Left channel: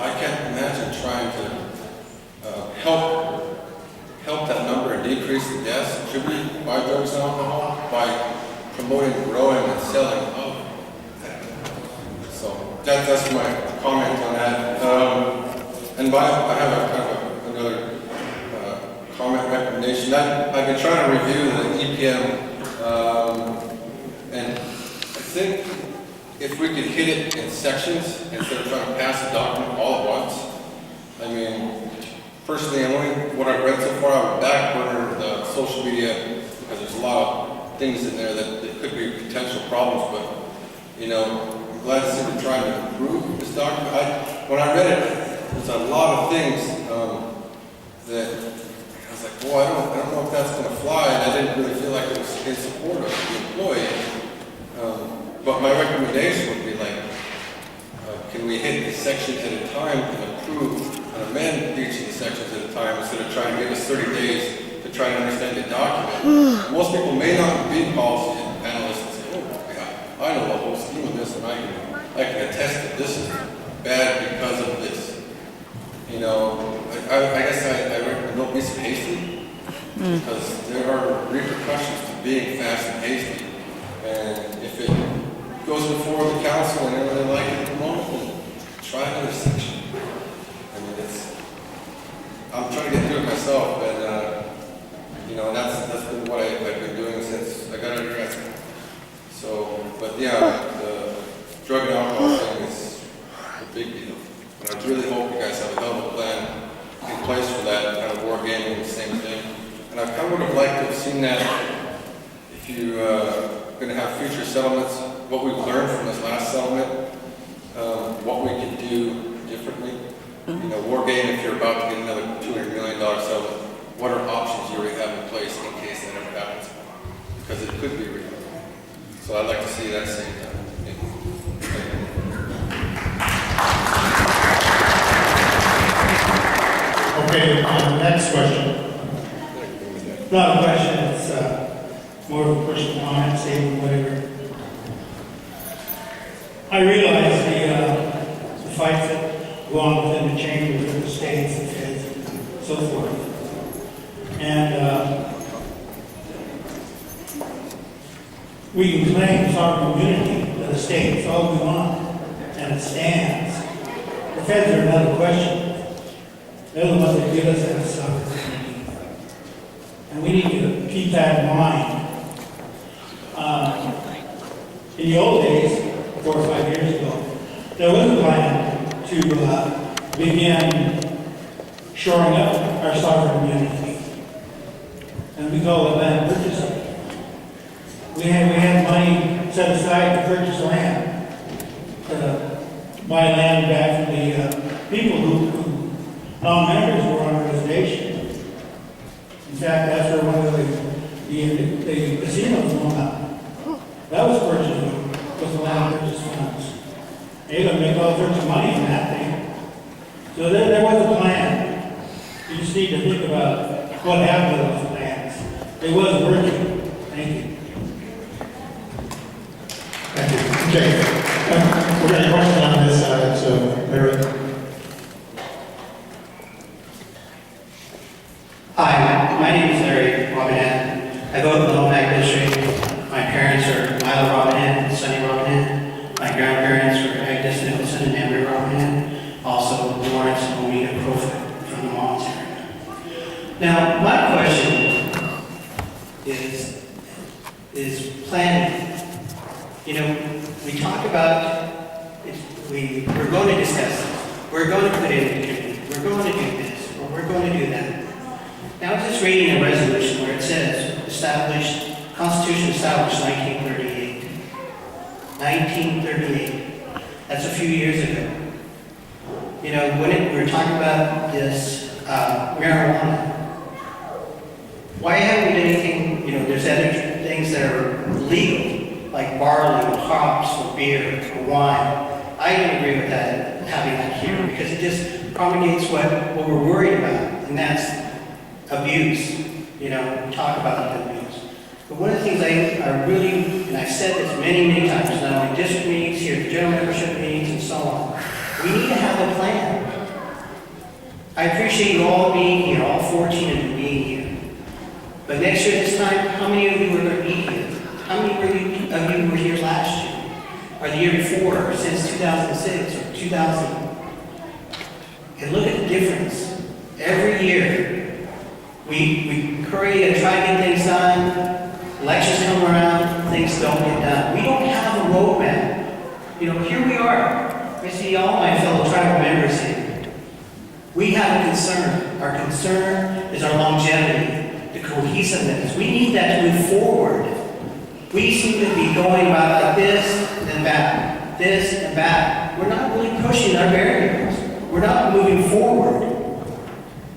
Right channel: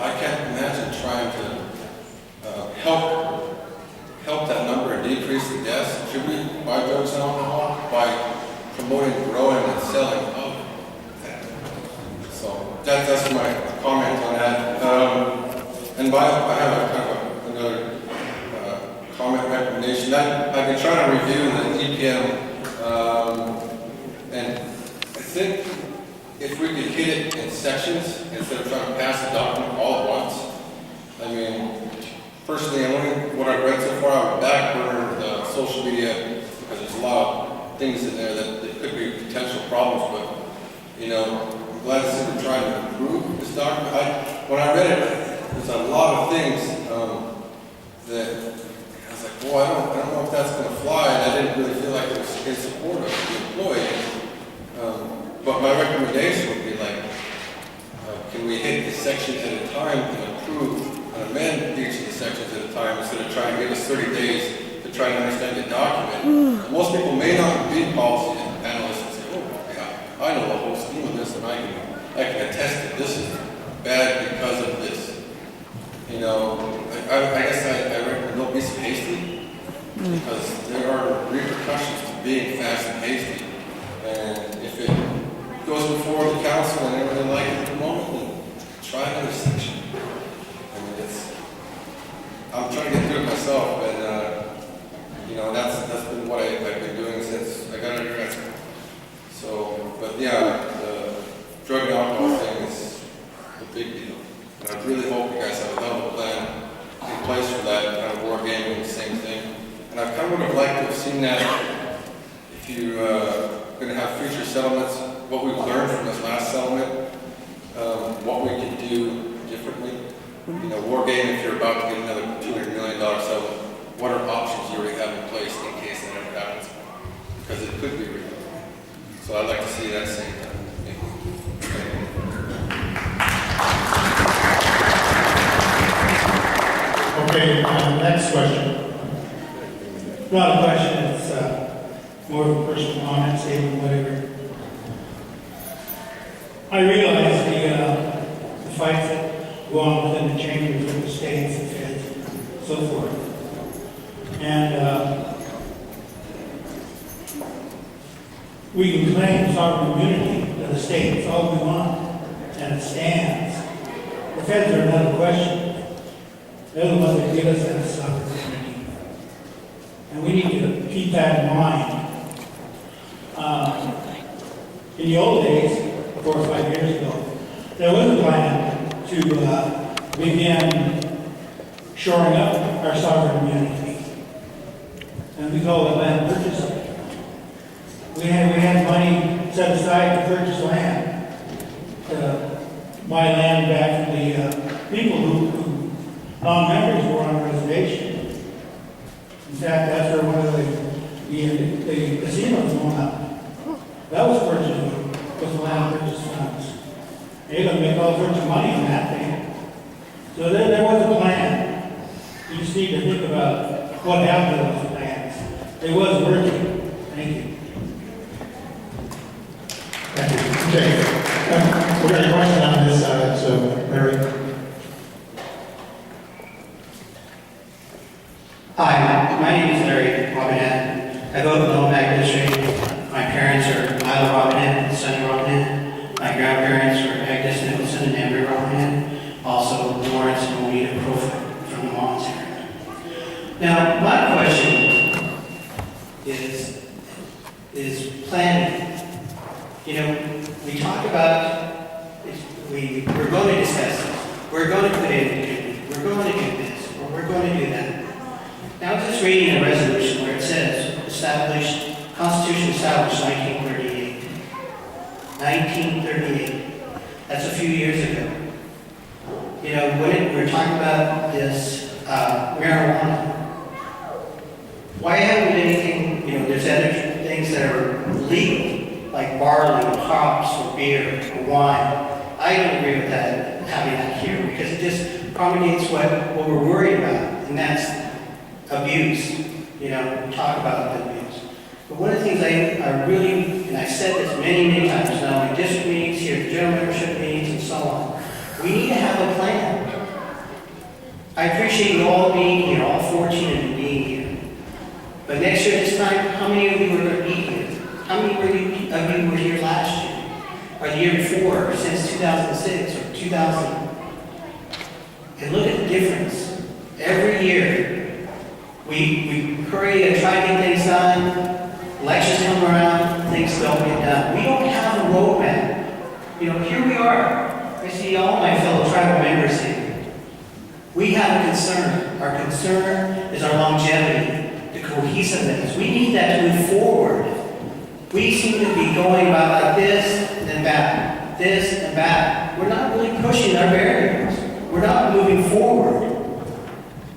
I can't imagine trying to help that number and decrease the deaths. Should we buy drugs and alcohol by promoting growing and selling of that? So that's my comment on that. I have a kind of another comment recommendation. I've been trying to review the EPM, and I think if we could hit it in sections instead of trying to pass the document all at once. I mean, personally, what I've read so far, I would backburner the social media because there's a lot of things in there that could be potential problems. But I'm glad to see we're trying to improve this document. When I read it, there's a lot of things that I was like, well, I don't know if that's going to fly, and I didn't really feel like it was in support of the employee. But my recommendation would be can we hit a section at a time and approve and amend each of the sections at a time instead of trying to give us 30 days to try to understand the document. Most people may not be policy analysts and say, oh, yeah, I know the whole scheme of this, and I can attest that this is bad because of this. I guess I recommend don't be so hasty, because there are repercussions to being fast and hasty. And if it goes before the council and everything like it at the moment, then try another section. I mean, I'm trying to get through it myself, and that's been what I've been doing since I got under grad school. So, but yeah, the drug and alcohol thing is a big deal. And I really hope you guys have a hell of a plan in place for that, kind of war gaming, the same thing. And I kind of would have liked to have seen that if you're going to have future settlements, what we've learned from this last settlement, what we can do differently. War game, if you're about to get another $200 million settlement, what are options you already have in place in case that ever happens? Because it could be real. So I'd like to see that same time. Okay, next question. Not a question, it's more of a personal comment, statement, whatever. I realize the fights that go on within the chambers of the states, the feds, and so forth. And we can claim sovereign immunity of the states all we want, and it stands. The feds are another question. They're the ones that give us that sovereign immunity. And we need to keep that in mind. In the old days, 4 or 5 years ago, there was a plan to begin shoring up our sovereign immunity. And we call it land purchasing. We had money set aside to purchase land, to buy land back from the people who non-members were on the reservation. In fact, after one of the casinos went up, that was purchased with the land purchase funds. They're going to make all sorts of money on that thing. So there was a plan. You just need to think about what happened to those plans. It was working. Thank you. Thank you. Okay. We've got a question on this side, so Larry. Hi, my name is Larry Robinette. I vote in the Lomac District. My parents are Milo Robinette and Sonny Robinette. My grandparents were Agnes Nicholson and Amber Robinette. Also, Lawrence and Omida Crowfoot from the Mons area. Now, my question is planning. We talk about, we're going to discuss this. We're going to put in the community. We're going to do this, or we're going to do that. Now, I was just reading a resolution where it says, Constitution established 1938. 1938. That's a few years ago. When we were talking about this marijuana, why haven't we done anything, there's other things that are legal, like barley, or hops, or beer, or wine. I don't agree with that, having that here, because it just promulgates what we're worried about, and that's abuse. We talk about the abuse. But one of the things I really, and I've said this many, many times, not only district meetings, here, the general membership meetings, and so on, we need to have a plan. I appreciate you all being here, all 14 of you being here. But next year this time, how many of you are going to be here? How many of you were here last year? Or the year before, or since 2006 or 2000? And look at the difference. Every year, we hurry and try to get things done. Elections come around, things don't get done. We don't have a roadmap. You know, here we are. I see all my fellow tribal members here. We have a concern. Our concern is our longevity, the cohesiveness. We need that to move forward. We seem to be going about like this and then back, this and back. We're not really pushing our barriers. We're not moving forward.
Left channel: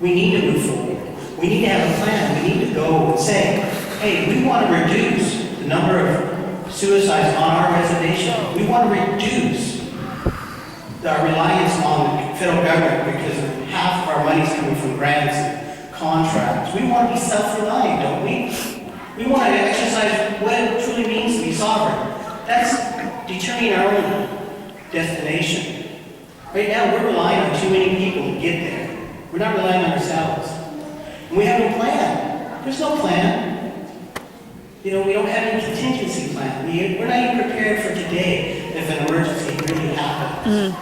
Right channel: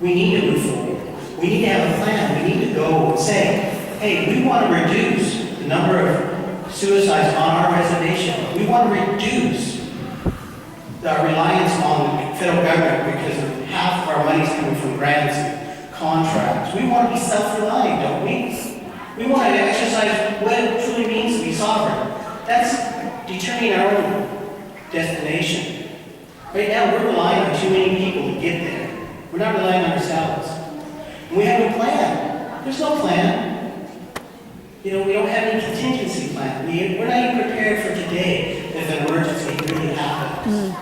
We need to move forward. We need to have a plan. We need to go and say, hey, we want to reduce the number of suicides on our reservation. We want to reduce our reliance on the federal government because half of our money is coming from grants and contracts. We want to be self-reliant, don't we? We want to exercise what it truly means to be sovereign. That's determining our own destination. Right now, we're relying on too many people to get there. We're not relying on ourselves. And we have no plan. There's no plan. You know, we don't have any contingency plan. We're not even prepared for today if an emergency really happens.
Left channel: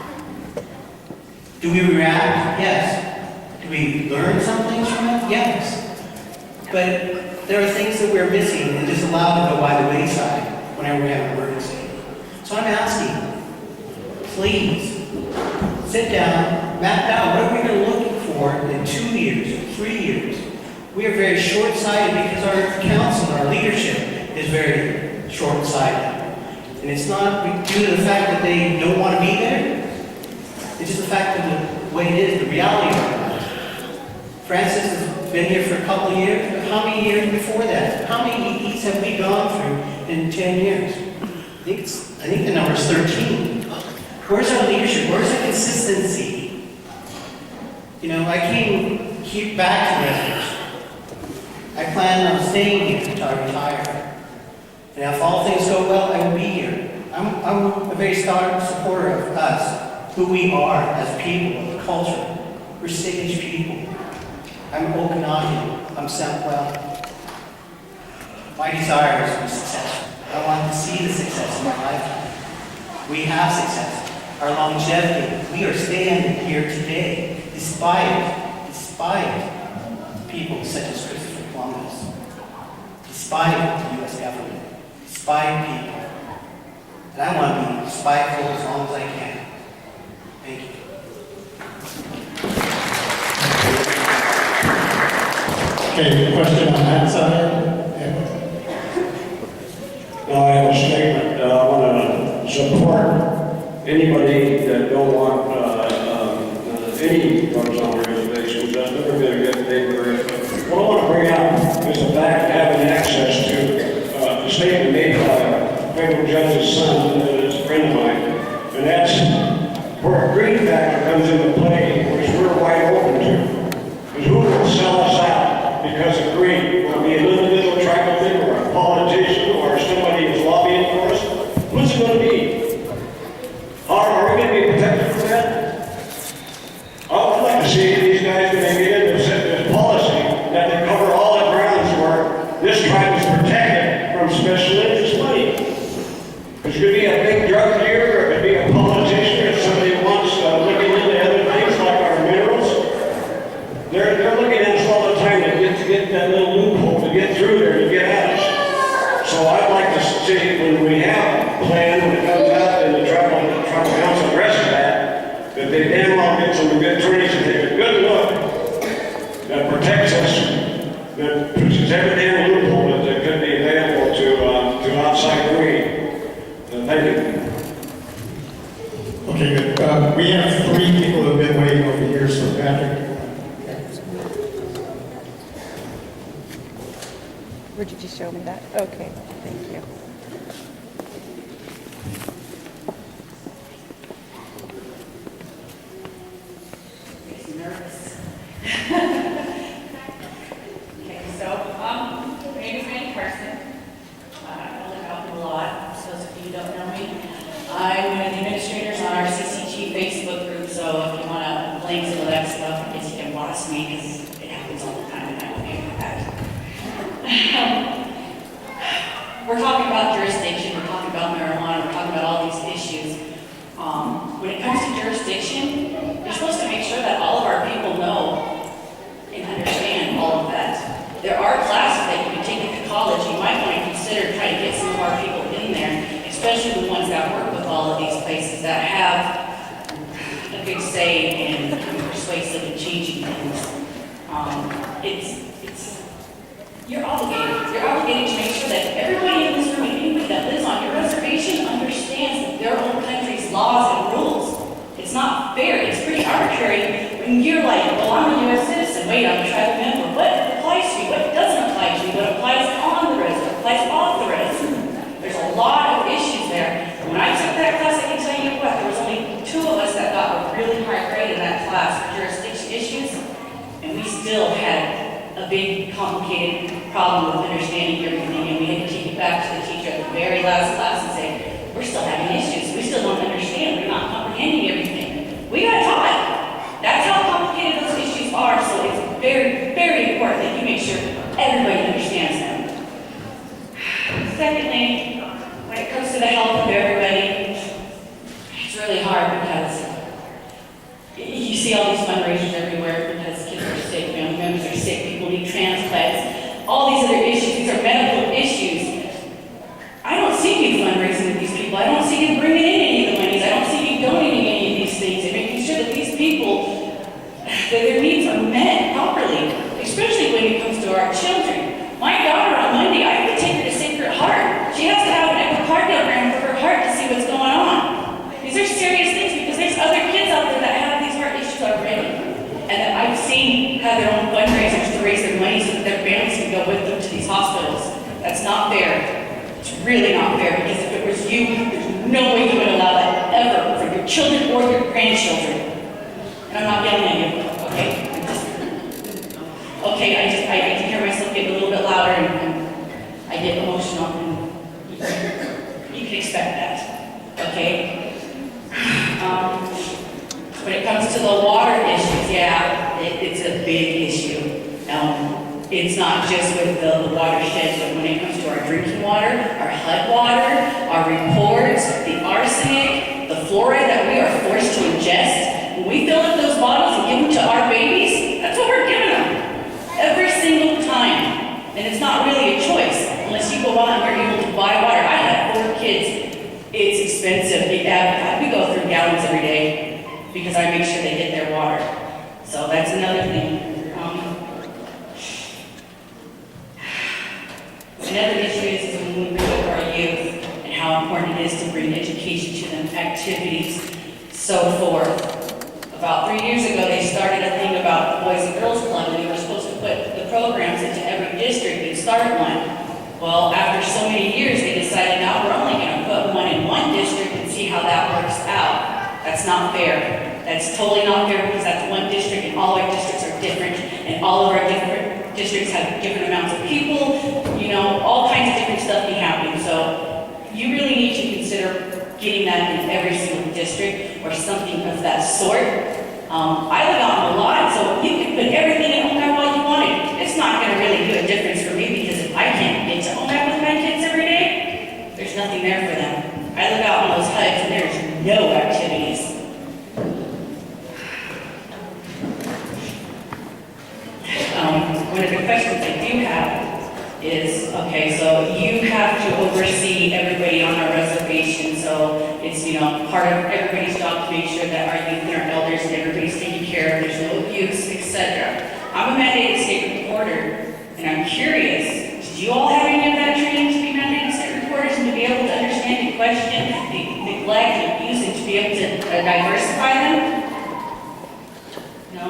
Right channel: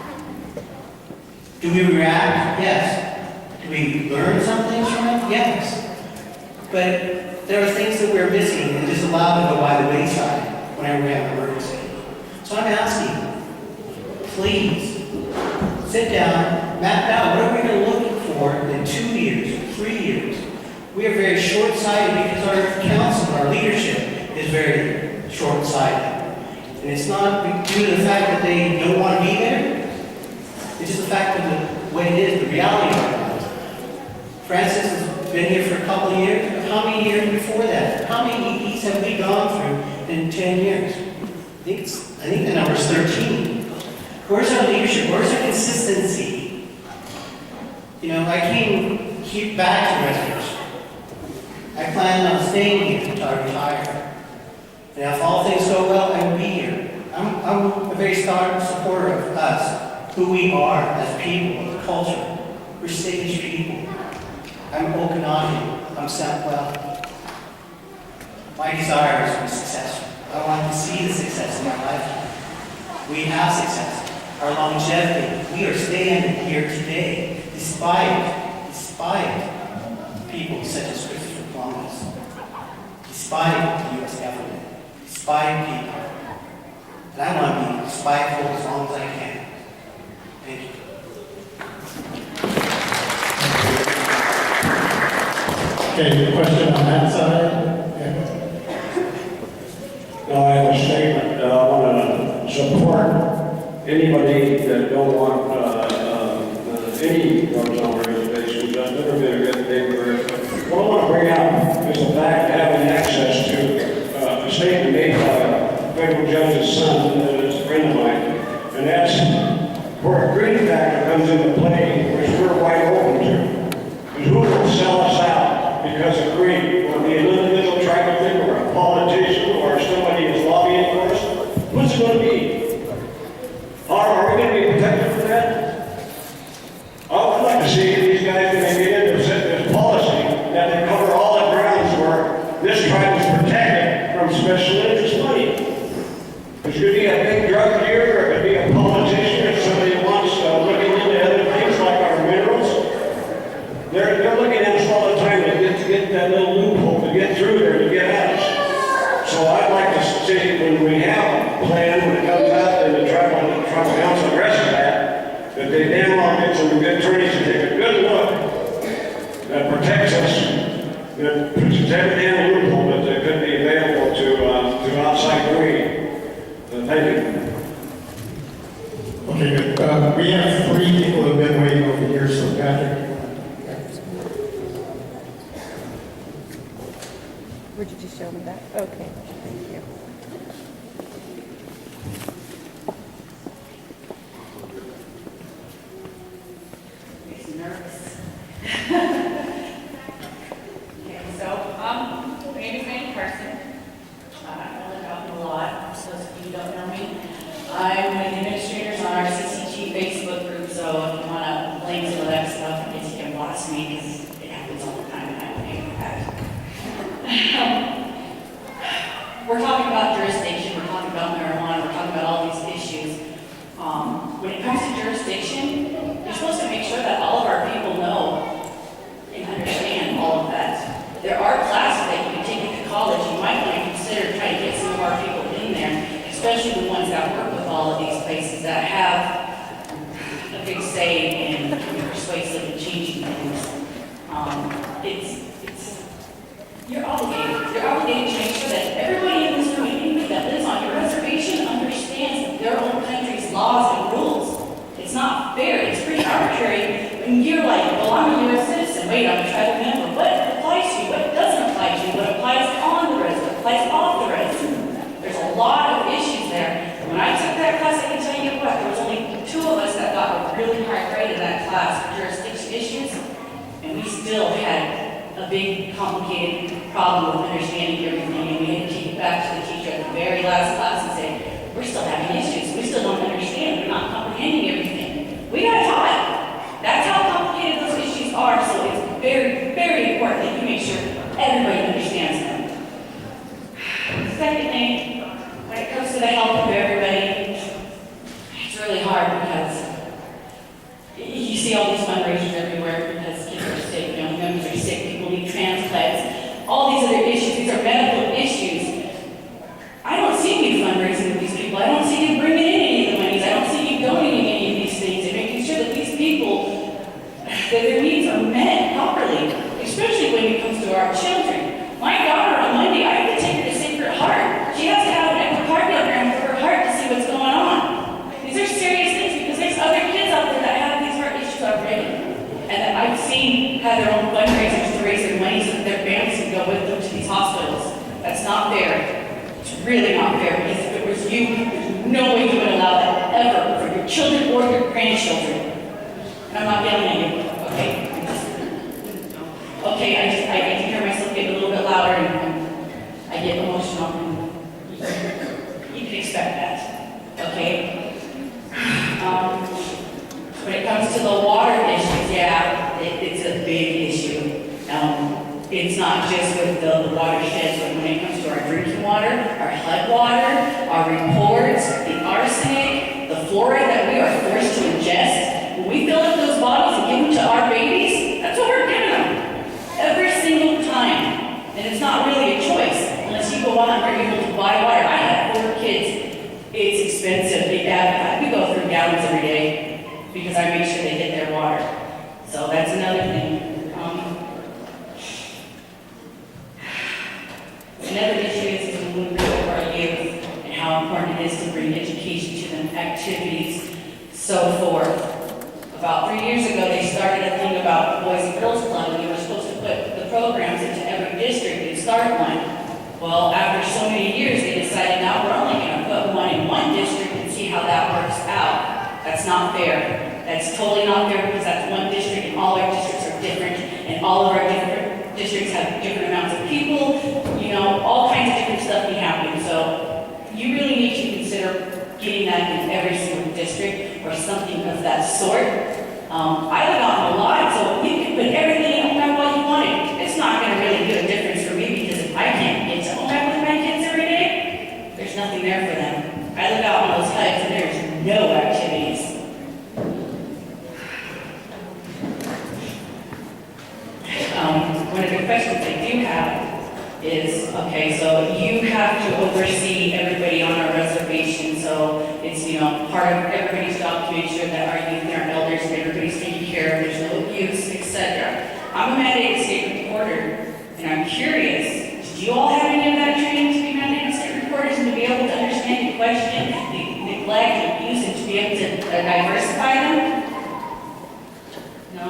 Do we react? Yes. Do we learn some things from it? Yes. But there are things that we're missing and just allowed to go by the wayside whenever we have an emergency. So I'm asking, please, sit down, map out what are we going to look for in 2 years or 3 years. We are very short-sighted because our council, our leadership is very short-sighted. And it's not due to the fact that they don't want to be there. It's just the fact of the way it is, the reality of it. Francis has been here for a couple of years, but how many years before that? How many EPs have we gone through in 10 years? I think the number is 13. Where's our leadership? Where's our consistency? You know, I came here back to residence. I plan on staying here until I retire. And if all things go well, I will be here. I'm a very strong supporter of us, who we are as people, the culture. We're Sage people. I'm Okanagan. I'm Southwell. My desire is to be successful. I want to see the success in my lifetime. We have success. Our longevity. We are standing here today, despite people such as Christopher Columbus, despite the U.S. government, despite people. And I want to be spiteful as long as I can. Thank you. Okay, question on that side? No, I have a statement. I want to support anybody that don't want any drugs on reservations. I've never been a good neighbor. What I want to bring out is the fact of having access to a statement made by a federal judge's son that is a friend of mine. And that's where a green factor comes into play, which we're wide open to. Because who will sell us out because of greed? Will it be an individual tribal thing or a politician or somebody who's lobbying for us? Who's it going to be? Are we going to be protected from that? I'd like to see these guys, when they get into this policy, that they cover all the grounds where this tribe is protected from special interest money. There could be a big drug dealer, or it could be a politician, or somebody who wants looking into other things like our minerals. They're looking at us all the time to get that little loophole, to get through there, to get at us. So I'd like to see, when we have a plan, when it comes out, and the tribal council and the rest of that they damn well get some good attorneys and take a good look that protects us, that pushes every damn loophole that could be available to outside greed. Thank you. Okay, good. We have 3 people who have been waiting over here, so Patrick. Where did you show me that? Okay, thank you. Nervous. Okay, so my name is Annie Carson. I live out in the lot, so those of you who don't know me. I'm one of the administrators on our CCG Facebook group, so if you want to link to that stuff, I guess you can bothers me because it happens all the time and I don't pay for that. We're talking about jurisdiction, we're talking about marijuana, we're talking about all these issues. When it comes to jurisdiction, you're supposed to make sure that all of our people know and understand all of that. There are classes that you can take into college. You might want to consider trying to get some of our people in there, especially the ones that work with all of these places that have a big say in becoming persuasive and changing things. You're obligated. You're obligated to make sure that everybody in this room, anybody that lives on your reservation, understands their own country's laws and rules. It's not fair. It's pretty arbitrary when you're like, well, I'm a U.S. citizen. Wait, I'm a tribal member. What applies to you? What doesn't apply to you? What applies on the res? What applies off the res? There's a lot of issues there. When I took that class, I can tell you what, there was only 2 of us that got a really high grade in that class for jurisdiction issues, and we still had a big, complicated problem with understanding everything, and we had to take it back to the teacher at the very last class and say, we're still having issues, we still don't understand, we're not comprehending everything. We got taught. That's how complicated those issues are, so it's very, very important that you make sure everybody understands them. Secondly, when it comes to the health of everybody, it's really hard because you see all these fundraisers everywhere because kids are sick, family members are sick, people need transplants, all these other issues, these are medical issues. I don't see you fundraising with these people. I don't see you bringing in any of the monies. I don't see you donating any of these things and making sure that these people, that their needs are met properly, especially when it comes to our children. My daughter on Monday, I have to take her to Sacred Heart. She has to have an echocardiogram for her heart to see what's going on. These are serious things because there's other kids out there that have these heart issues already. And that I've seen have their own fundraisers to raise their money so that their families can go with them to these hospitals. That's not fair. It's really not fair because if it was you, there's no way you would allow that ever for your children or your grandchildren. And I'm not yelling at you, okay? Okay, I can hear myself get a little bit louder and I get emotional and you can expect that, okay? When it comes to the water issues, yeah, it's a big issue. It's not just with the watersheds, but when it comes to our drinking water, our HUD water, our reports, the arsenic, the fluoride that we are forced to ingest, when we fill up those bottles and give them to our babies, that's what we're giving them. Every single time. And it's not really a choice unless you go out and you're able to buy water. I have 4 kids. It's expensive. We go through gallons every day because I make sure they get their water. So that's another thing. Another issue is when we look at our youth and how important it is to bring education to them, activities, so forth. About 3 years ago, they started a thing about the Boys and Girls Club, and we were supposed to put the programs into every district and start one. Well, after so many years, they decided now we're only going to put one in one district and see how that works out. That's not fair. That's totally not fair because that's one district and all our districts are different and all of our different districts have different amounts of people, you know, all kinds of different stuff can happen. So you really need to consider getting that in every single district or something of that sort. I live out in a lot, so you can put everything in OMAP all you wanted. It's not going to really do a difference for me because if I can't get to OMAP with my kids every day, there's nothing there for them. I live out in those huts and there's no activities. One of the questions I do have is, okay, so you have to oversee everybody on our reservation, so it's, you know, part of everybody's job to make sure that our youth and our elders and everybody's taken care of, there's no abuse, etc. I'm a mandated state reporter, and I'm curious, did you all have any of that training to be mandated state reporters and to be able to understand the question, the neglect, the abuse, and to be able to diversify them? No?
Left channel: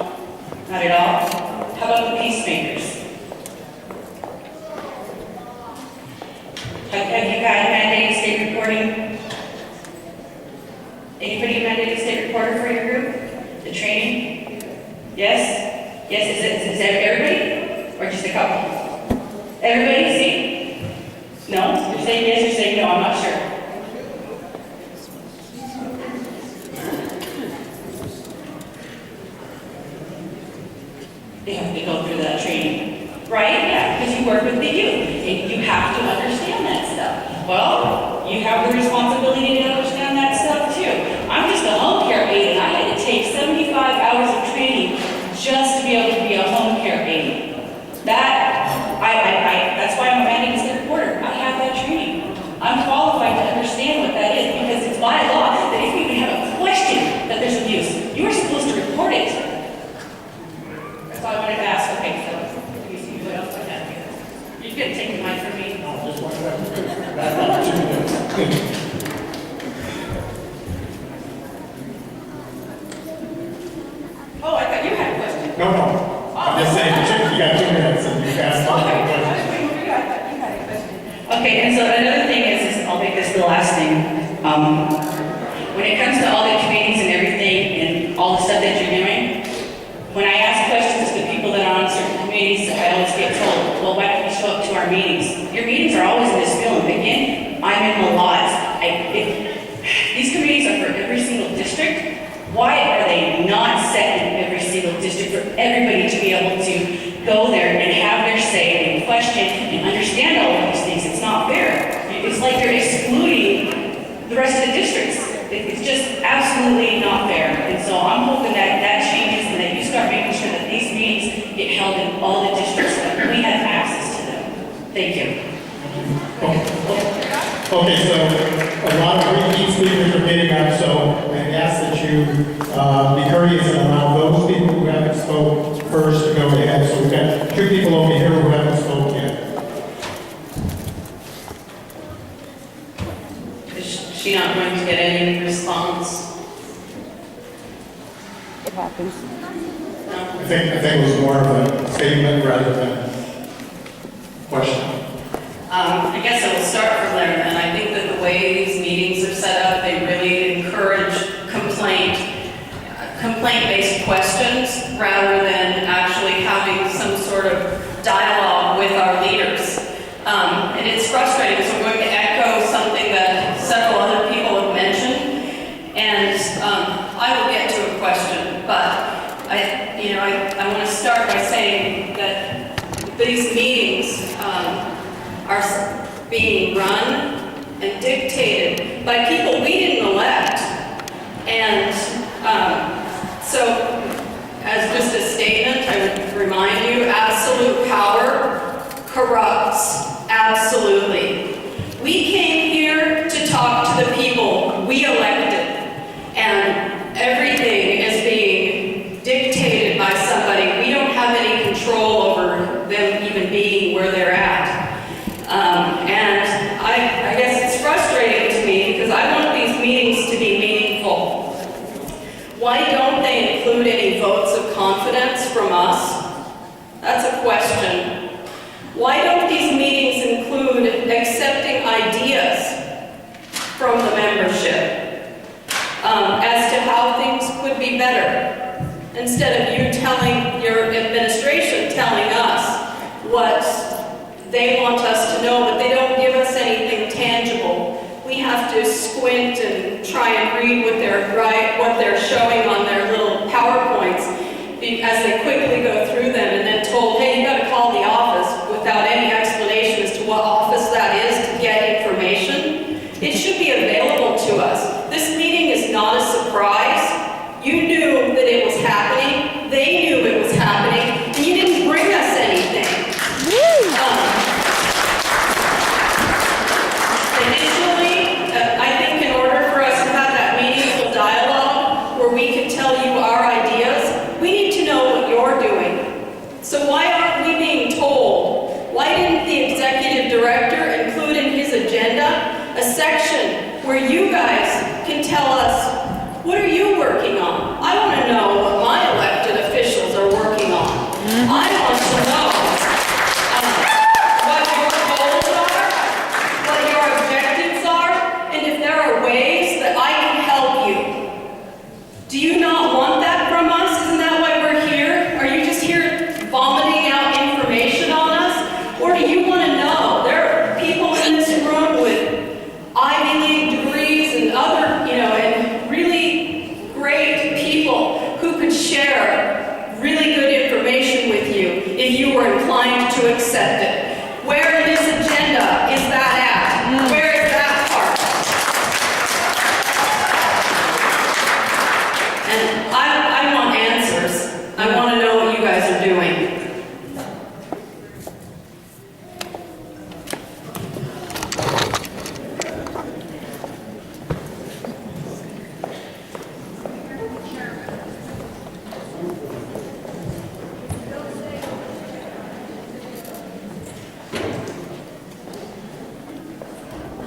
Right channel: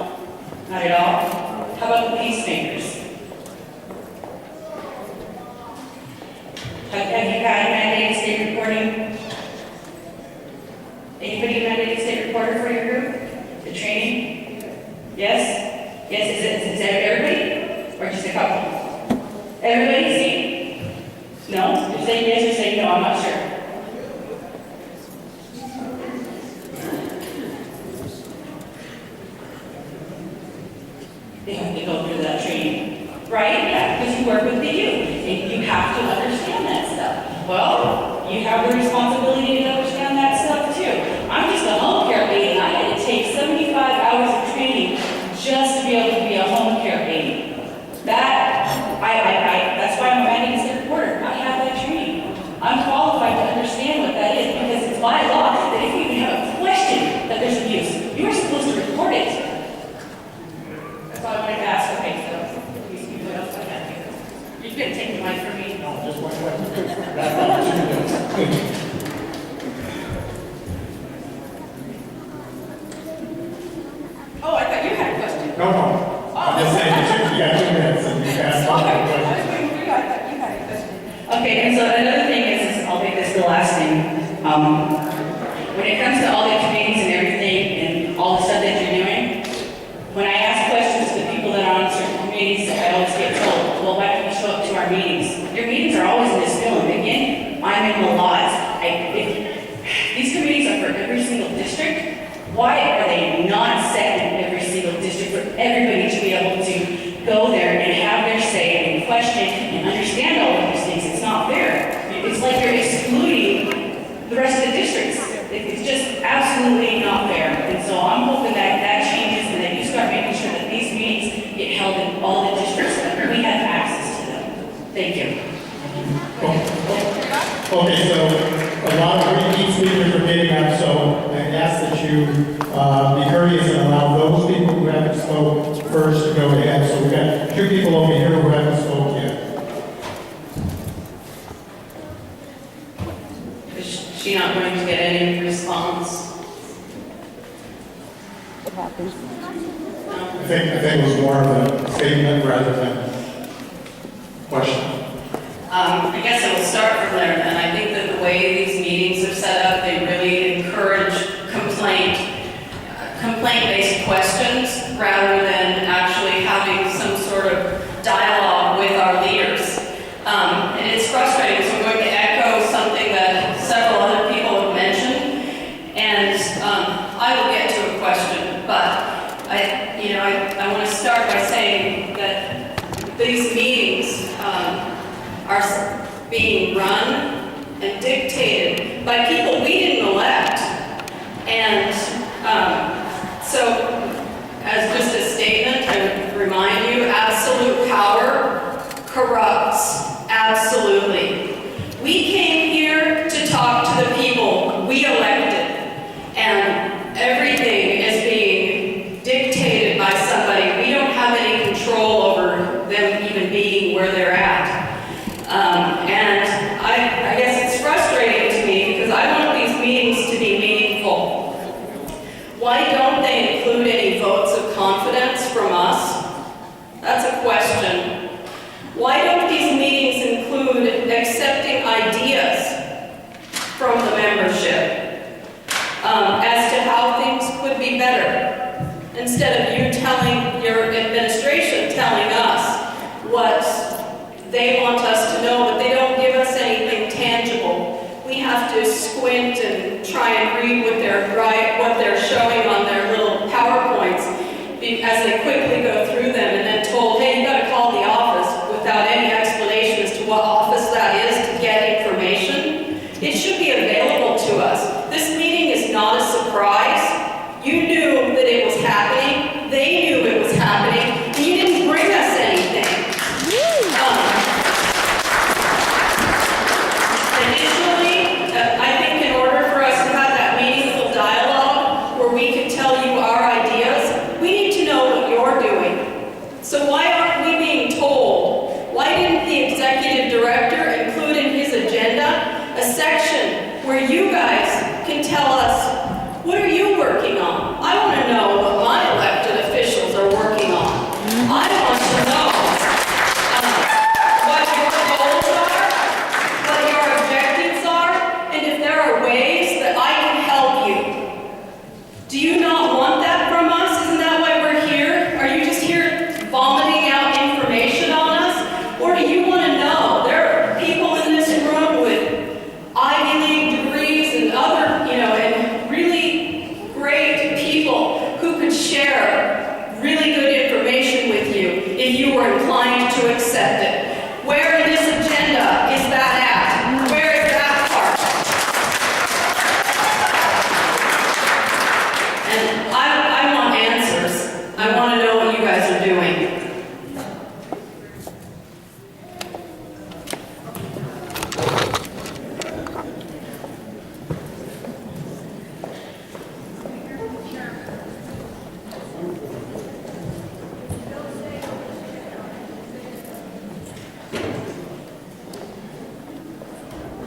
Not at all? How about the peacemakers? Have you had mandated state reporting? Anybody mandated state reporter for your group? The training? Yes? Yes, is that everybody? Or just a couple? Everybody, see? No? You're saying yes or saying no, I'm not sure. They have to go through that training, right? Yeah, because you work with the youth, and you have to understand that stuff. Well, you have the responsibility to understand that stuff too. I'm just a home care aide, and I had to take 75 hours of training just to be able to be a home care aide. That's why I'm a magazine reporter. I have that training. I'm qualified to understand what that is because it's by law that if you even have a question that there's abuse, you are supposed to report it. That's all I wanted to ask. Okay, so let me see what else I have here. You're going to take the mic from me? No, just one question. Oh, I thought you had a question. No, no. I'm just saying, you got 2 minutes and you can ask all the questions. Okay, and so another thing is I'll make this the last thing. When it comes to all the trainings and everything and all the stuff that you're doing, when I ask questions to people that are on certain committees, I always get told, well, why don't you show up to our meetings? Your meetings are always in this building. Again, I'm in the lots. These committees are for every single district. Why are they not set in every single district for everybody to be able to go there and have their say and question and understand all of these things? It's not fair. It's like you're excluding the rest of the districts. It's just absolutely not fair. And so I'm hoping that that changes and that you start making sure that these meetings get held in all the districts so that we have access to them. Thank you. Okay, so a lot of repeat speakers are getting up, so I ask that you be courteous and allow those people who haven't spoke first to go ahead. So we've got 2 people over here who haven't spoken yet. Is she not going to get any response? It happens. I think it was more of a statement rather than question. I guess I will start from there, and I think that the way these meetings are set up, they really encourage complaint-based questions rather than actually having some sort of dialogue with our leaders. And it's frustrating, so I'm going to echo something that several other people have mentioned, and I will get to a question, but I want to start by saying that these meetings are being run and dictated by people we didn't elect. And so, as just a statement, I would remind you, absolute power corrupts, absolutely. We came here to talk to the people we elected, and everything is being dictated by somebody. We don't have any control over them even being where they're at. And I guess it's frustrating to me because I want these meetings to be meaningful. Why don't they include any votes of confidence from us? That's a question. Why don't these meetings include accepting ideas from the membership as to how things could be better? Instead of you telling your administration, telling us what they want us to know, but they don't give us anything tangible. We have to squint and try and read what they're showing on their little PowerPoints as they quickly go through them and then told, hey, you got to call the office without any explanation as to what office that is to get information. It should be available to us. This meeting is not a surprise. You knew that it was happening. They knew it was happening. And you didn't bring us anything. Initially, I think in order for us to have that meaningful dialogue where we can tell you our ideas, we need to know what your to accept it. Where in this agenda is that at? Where is that part? And I want answers. I want to know what you guys are doing.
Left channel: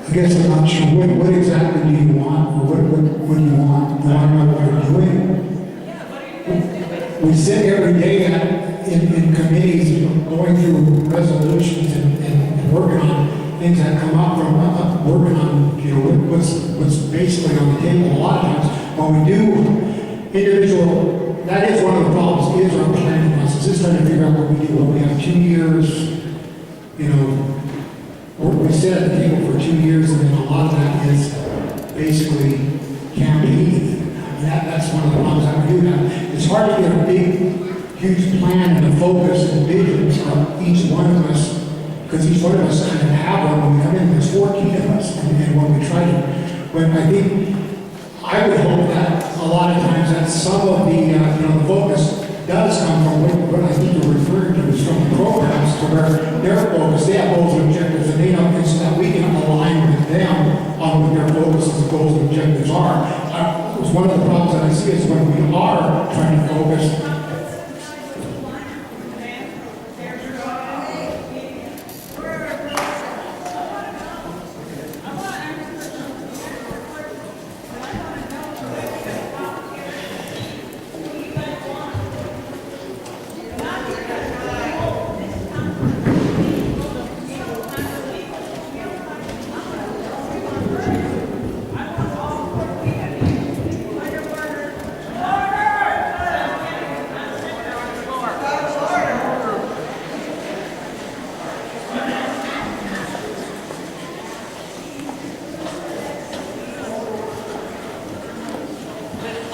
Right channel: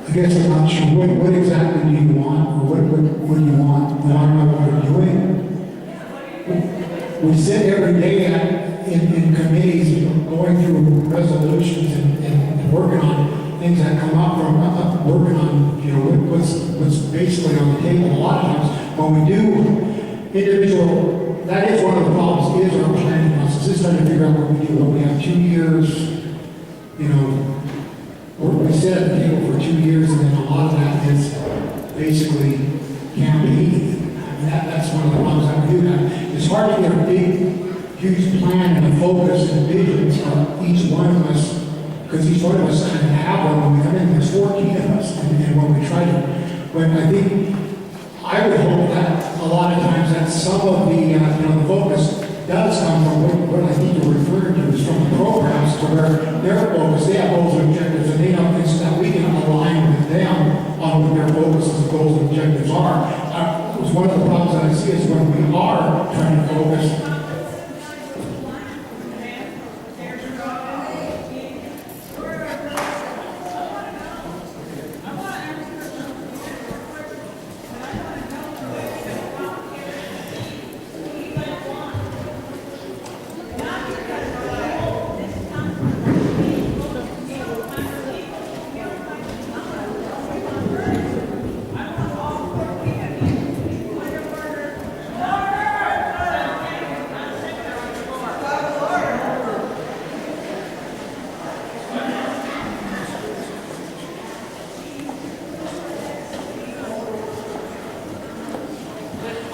I guess I'm not sure, what exactly do you want, or what do you want? You want to know what we're doing? We sit every day in committees, going through resolutions and working on things that come up from, working on, you know, what's basically on the table. A lot of times, when we do individual, that is one of the problems, is our planning process, is trying to figure out what we do. Well, we have 2 years, you know, we sit at the table for 2 years, and then a lot of that is basically campaigning. I mean, that's one of the problems that we do now. It's hard to get a big, huge plan and a focus and visions from each one of us, because each one of us kind of have one when we come in. There's 14 of us, and when we try to, but I think, I would hope that a lot of times that some of the, you know, the focus does come from what I think you're referring to is from the programs, to where their focus, they have goals and objectives, and they know things that we can align with them on what their focuses, goals, and objectives are. It's one of the problems that I see is when we are trying to focus.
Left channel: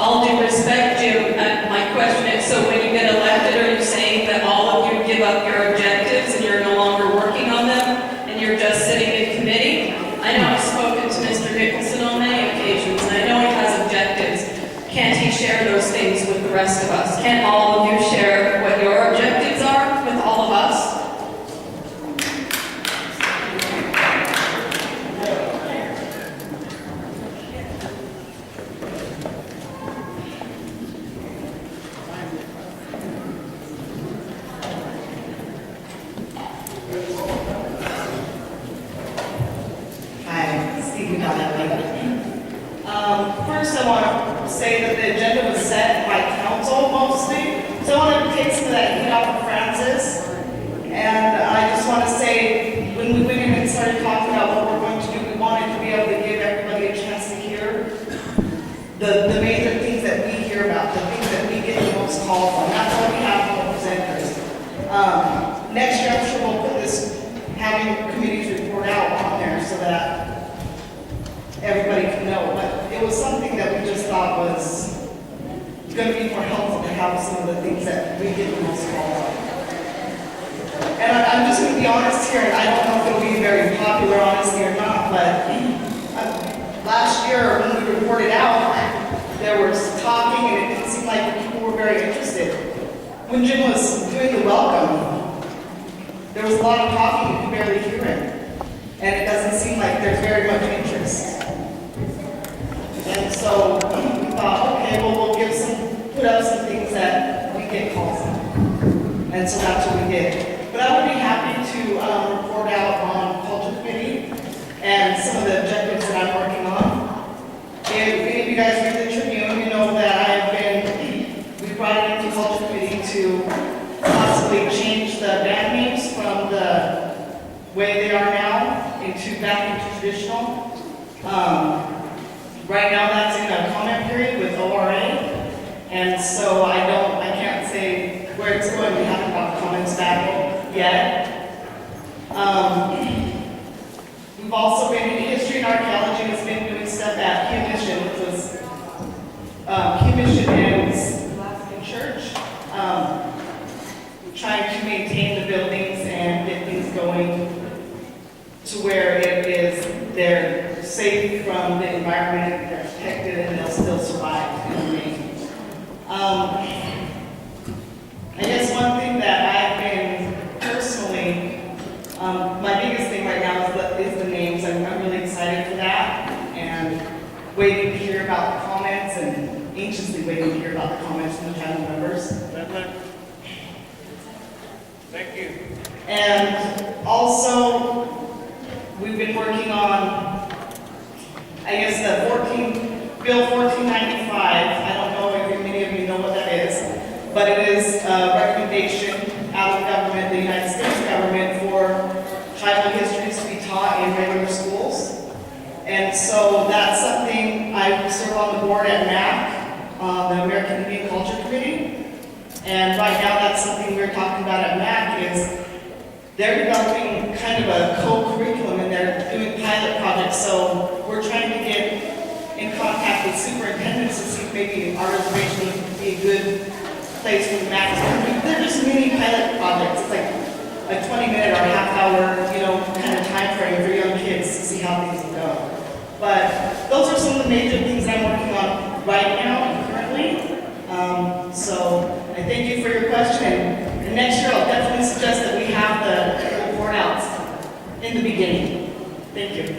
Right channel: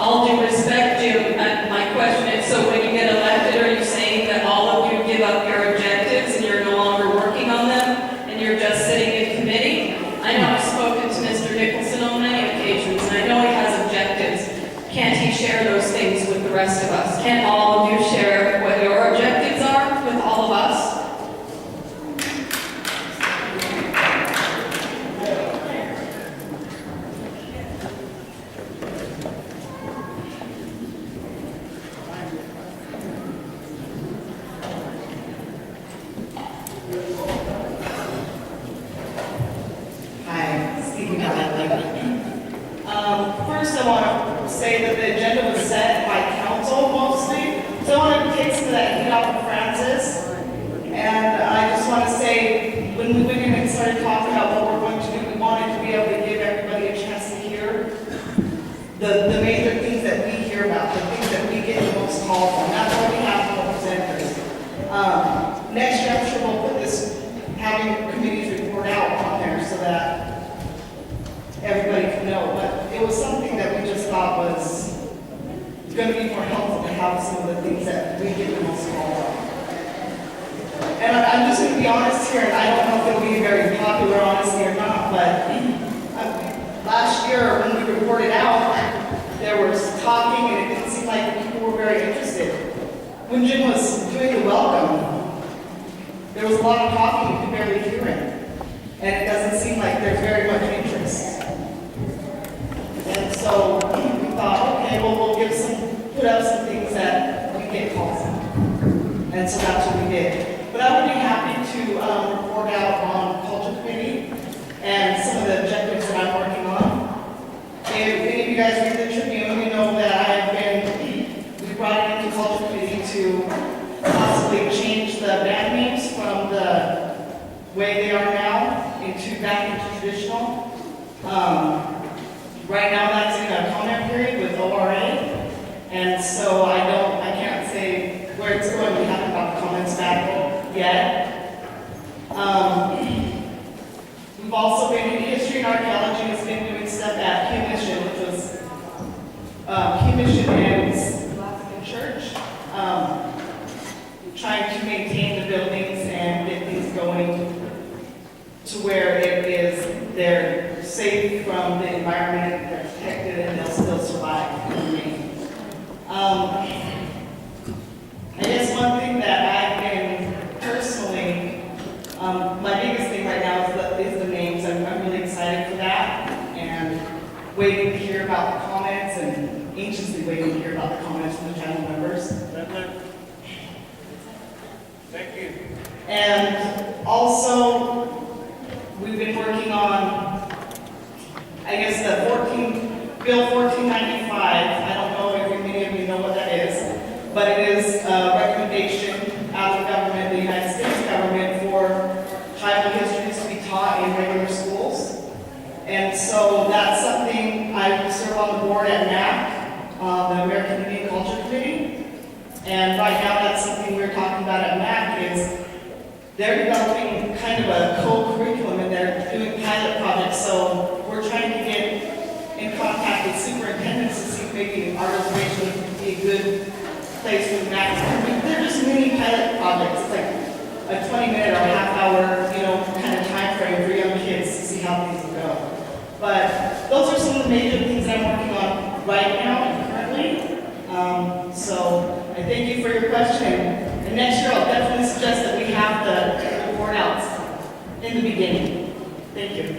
All due respect, Jim, my question is, so when you get elected, are you saying that all of you give up your objectives and you're no longer working on them, and you're just sitting in committee? I know I've spoken to Mr. Nicholson on many occasions, and I know he has objectives. Can't he share those things with the rest of us? Can't all of you share what your objectives are with all of us? Hi, C.B.C. First, I want to say that the agenda was set by council mostly, so I want to take some of that heat off of Francis. And I just want to say, when we went in and started talking about what we're going to do, we wanted to be able to give everybody a chance to hear the major things that we hear about, the things that we get the most calls on. That's why we have representatives. Next year, I'm sure we'll put this, having committees report out on there so that everybody can know. But it was something that we just thought was going to be more helpful to have some of the things that we get the most call on. And I'm just going to be honest here, and I don't know if it'll be very popular, honestly, or not, but last year when we reported out, there was talking, and it didn't seem like people were very interested. When Jim was doing the welcome, there was a lot of talking, you could barely hear it. And it doesn't seem like there's very much interest. And so we thought, okay, well, put up some things that we get calls on. And so that's what we did. But I would be happy to report out on Culture Committee and some of the objectives that I'm working on. If any of you guys read the Tribune, you know that we brought it into Culture Committee to possibly change the band names from the way they are now back into traditional. Right now that's in a comment period with ORA, and so I can't say where it's going. We haven't got comments back yet. We've also been in history and archaeology has been doing stuff at Q Mission, which was Q Mission and Church, trying to maintain the buildings and where it is, they're safe from the environment, they're protected, and they'll still survive and remain. I guess one thing that I've been personally, my biggest thing right now is the names. I'm really excited for that and waiting to hear about the comments and anxiously waiting to hear about the comments from the panel members. Thank you. And also, we've been working on, I guess, Bill 1495. I don't know if many of you know what that is, but it is a recommendation out of government, the United States government, for tribal histories to be taught in regular schools. And so that's something I serve on the board at MAC, the American Indian Culture Committee. And right now, that's something we're talking about at MAC is they're developing kind of a co-curriculum and they're doing pilot projects. So we're trying to get in contact with superintendents to see if maybe our reservation would be a good place for the MAC. They're just mini pilot projects. It's like a 20-minute or half-hour, kind of time frame for young kids to see how things will go. But those are some of the major things I'm working on right now and currently. So I thank you for your question. And next year, I'll definitely suggest that we have the report outs in the beginning. Thank you.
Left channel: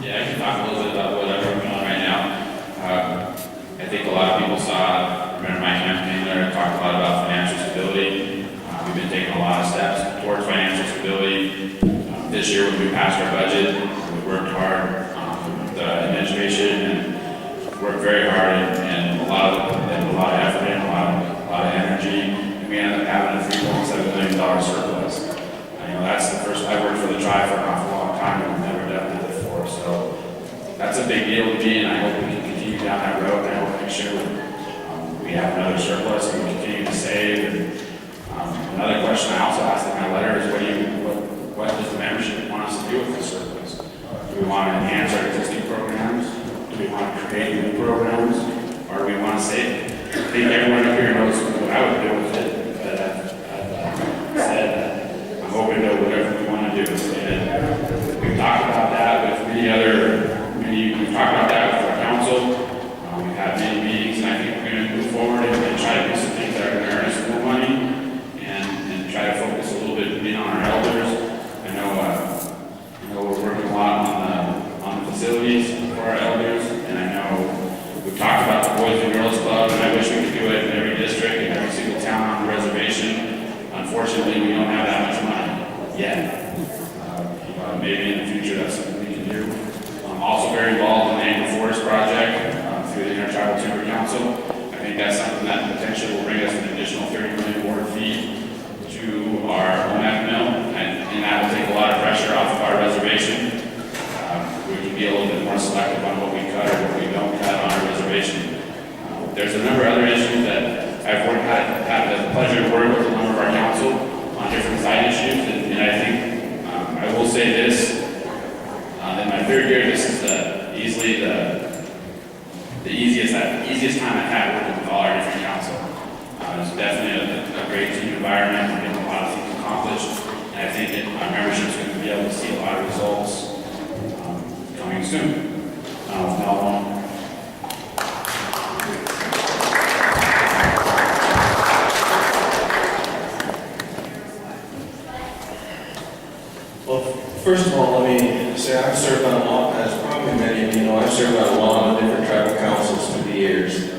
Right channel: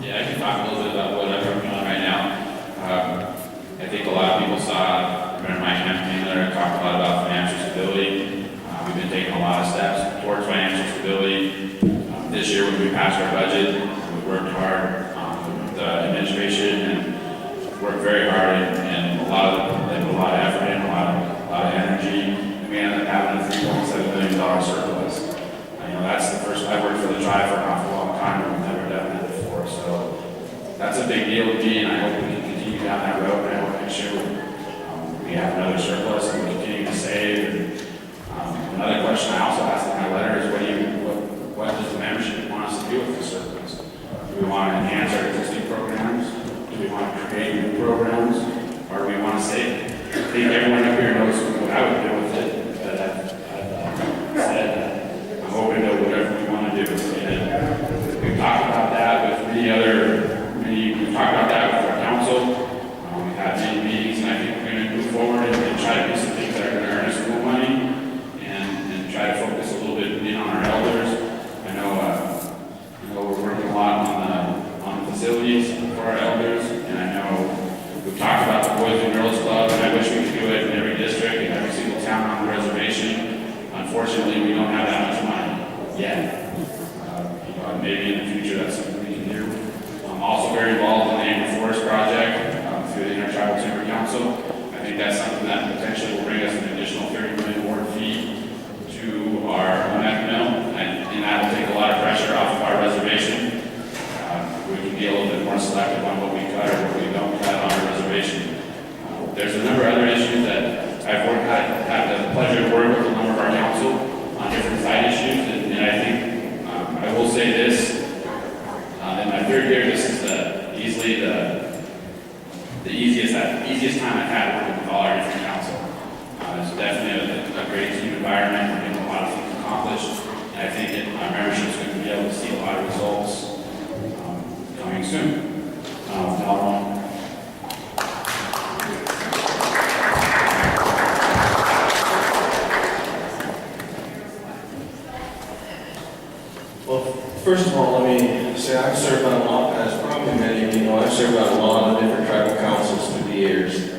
Yeah, I can talk a little bit about what I'm working on right now. I think a lot of people remember my campaign letter, talked a lot about financial stability. We've been taking a lot of steps towards financial stability. This year when we passed our budget, we worked hard, the administration, and worked very hard and a lot of effort and a lot of energy. And we ended up having a $3.7 million surplus. That's the first, I've worked for the tribe for an awful long time and we've never done that before. So that's a big deal to me, and I hope we can continue down that road, and I hope next year we have another surplus and we continue to save. And another question I also asked in my letter is what does the membership want us to do with this surplus? Do we want to enhance our existing programs? Do we want to create new programs? Or do we want to save it? I think everyone up here knows what I would do with it, but I've said that I'm open to whatever we want to do. And we've talked about that with we've talked about that with our council. We've had many meetings, and I think we're going to move forward and try to do some things that are going to earn us more money and try to focus a little bit in on our elders. I know we're working a lot on the facilities for our elders, and I know we've talked about the Boys and Girls Club, and I wish we could do it in every district, in every single town on the reservation. Unfortunately, we don't have that much money yet. Maybe in the future that's something we can do. I'm also very involved in the Annual Forest Project through the Intertribal Timber Council. I think that's something that potentially will bring us an additional 30 million board feet to our OMF mill, and that will take a lot of pressure off of our reservation. We can be a little bit more selective on what we cut or what we don't cut on our reservation. There's a number of other issues that I've had the pleasure to work with a number of our council on different side issues, and I think I will say this, in my third year, this is easily the easiest time I've had working with all our different council. It's definitely a great team environment, we're getting a lot of things accomplished, and I think our membership is going to be able to see a lot of results coming soon. Well, first of all, let me say I've served on a lot, as probably many of you know, I've served on a lot of different tribal councils through the years.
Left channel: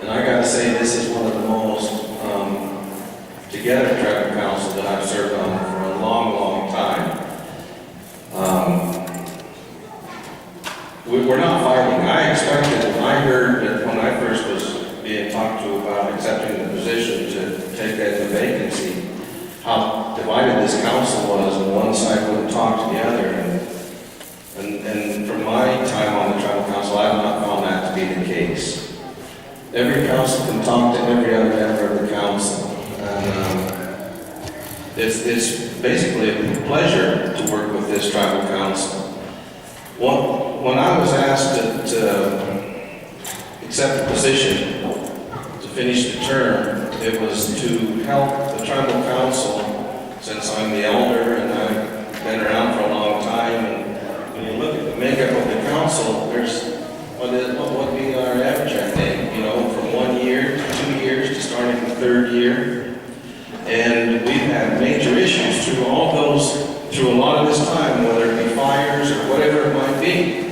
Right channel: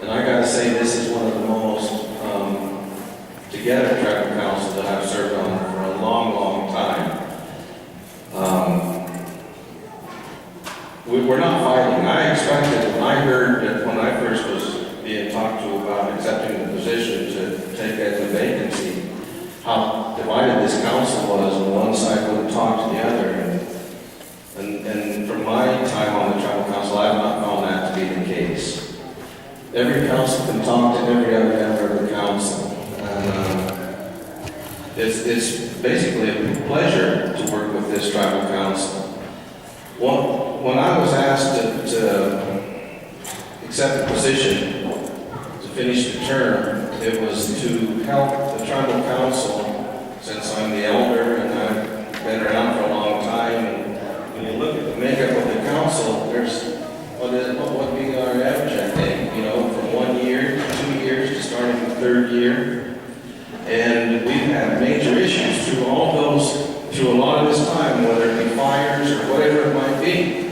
And I gotta say, this is one of the most together tribal councils that I've served on for a long, long time. We're not fighting. I expected, when I heard that when I first was being talked to about accepting the position to take as a vacancy, how divided this council was, and one side wouldn't talk to the other. And from my time on the tribal council, I have not found that to be the case. Every council can talk to every other member of the council. And It's basically a pleasure to work with this tribal council. When I was asked to accept the position to finish the term, it was to help the tribal council, since I'm the elder and I've been around for a long time. And when you look at the makeup of the council, there's what would be our average, I think, from 1 year to 2 years to starting the 3rd year. And we've had major issues through a lot of this time, whether it be fires or whatever it might be.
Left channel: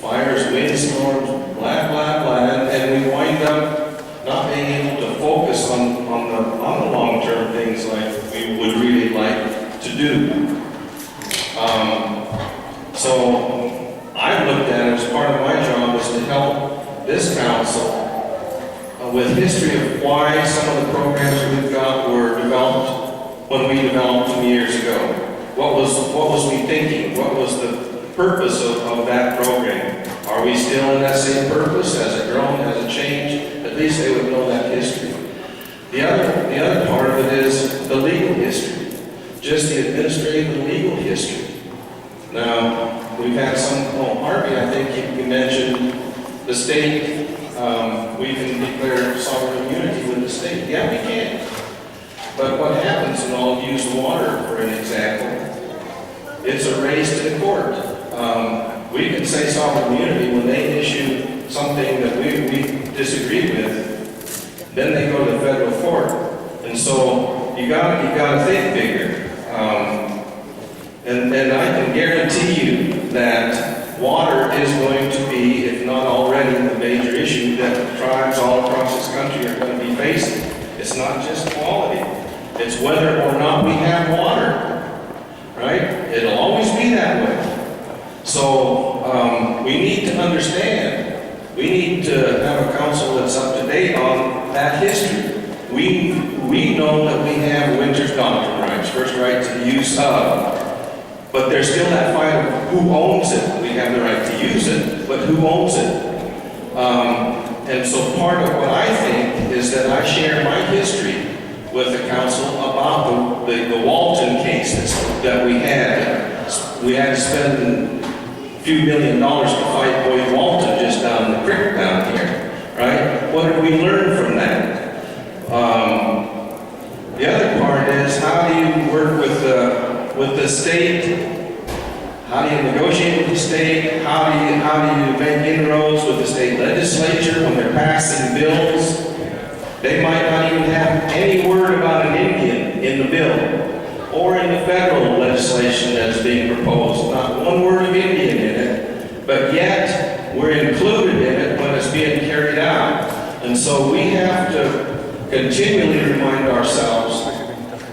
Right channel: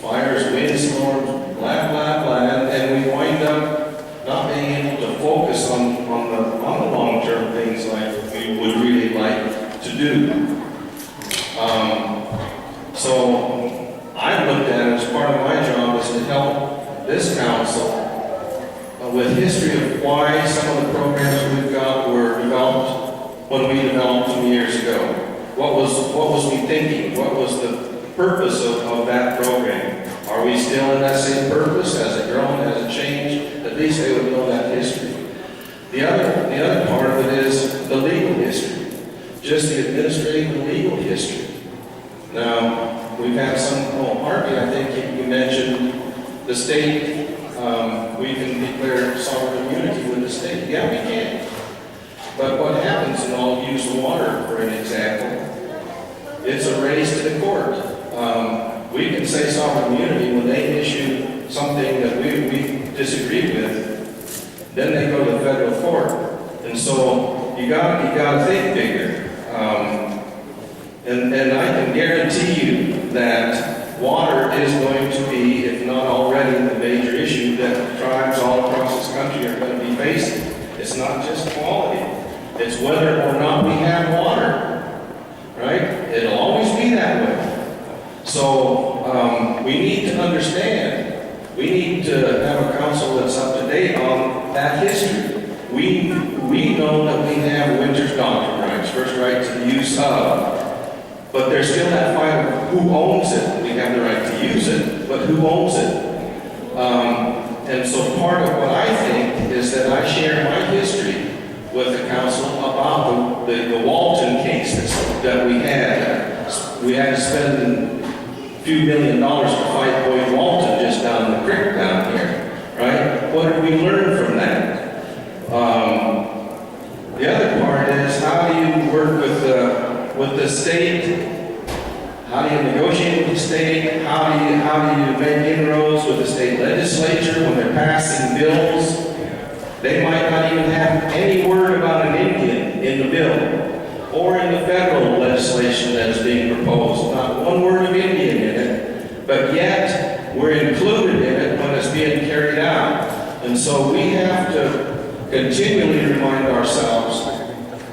Fires, windstorms, blah, blah, blah, and we wind up not being able to focus on the long-term things like we would really like to do. So I looked at it as part of my job is to help this council with history of why some of the programs we've got were developed when we developed them years ago. What was we thinking? What was the purpose of that program? Are we still in that same purpose? Has it grown? Has it changed? At least they would know that history. The other part of it is the legal history, just the administrative and legal history. Now, we've had Harvey, I think you mentioned the state. We can declare sovereign immunity with the state. Yeah, we can. But what happens, and I'll use water for an example, it's a race to the court. We can say sovereign immunity when they issue something that we disagree with, then they go to the federal court. And so you gotta think bigger. And I can guarantee you that water is going to be, if not already, the major issue that tribes all across this country are going to be facing. It's not just quality. It's whether or not we have water, right? It'll always be that way. So we need to understand, we need to have a council that's up to date on that history. We know that we have winter's doctrine rights, first right to the use of, but there's still that fight of who owns it. We have the right to use it, but who owns it? And so part of what I think is that I share my history with the council about the Walton cases that we had. We had to spend a few $1 million to fight Boyd Walton just down the creek down here, right? What did we learn from that? The other part is how do you work with the state? How do you negotiate with the state? How do you make inroads with the state legislature when they're passing bills? They might not even have any word about an Indian in the bill or in the federal legislation that's being proposed. Not one word of Indian in it, but yet we're included in it when it's being carried out. And so we have to continually remind ourselves,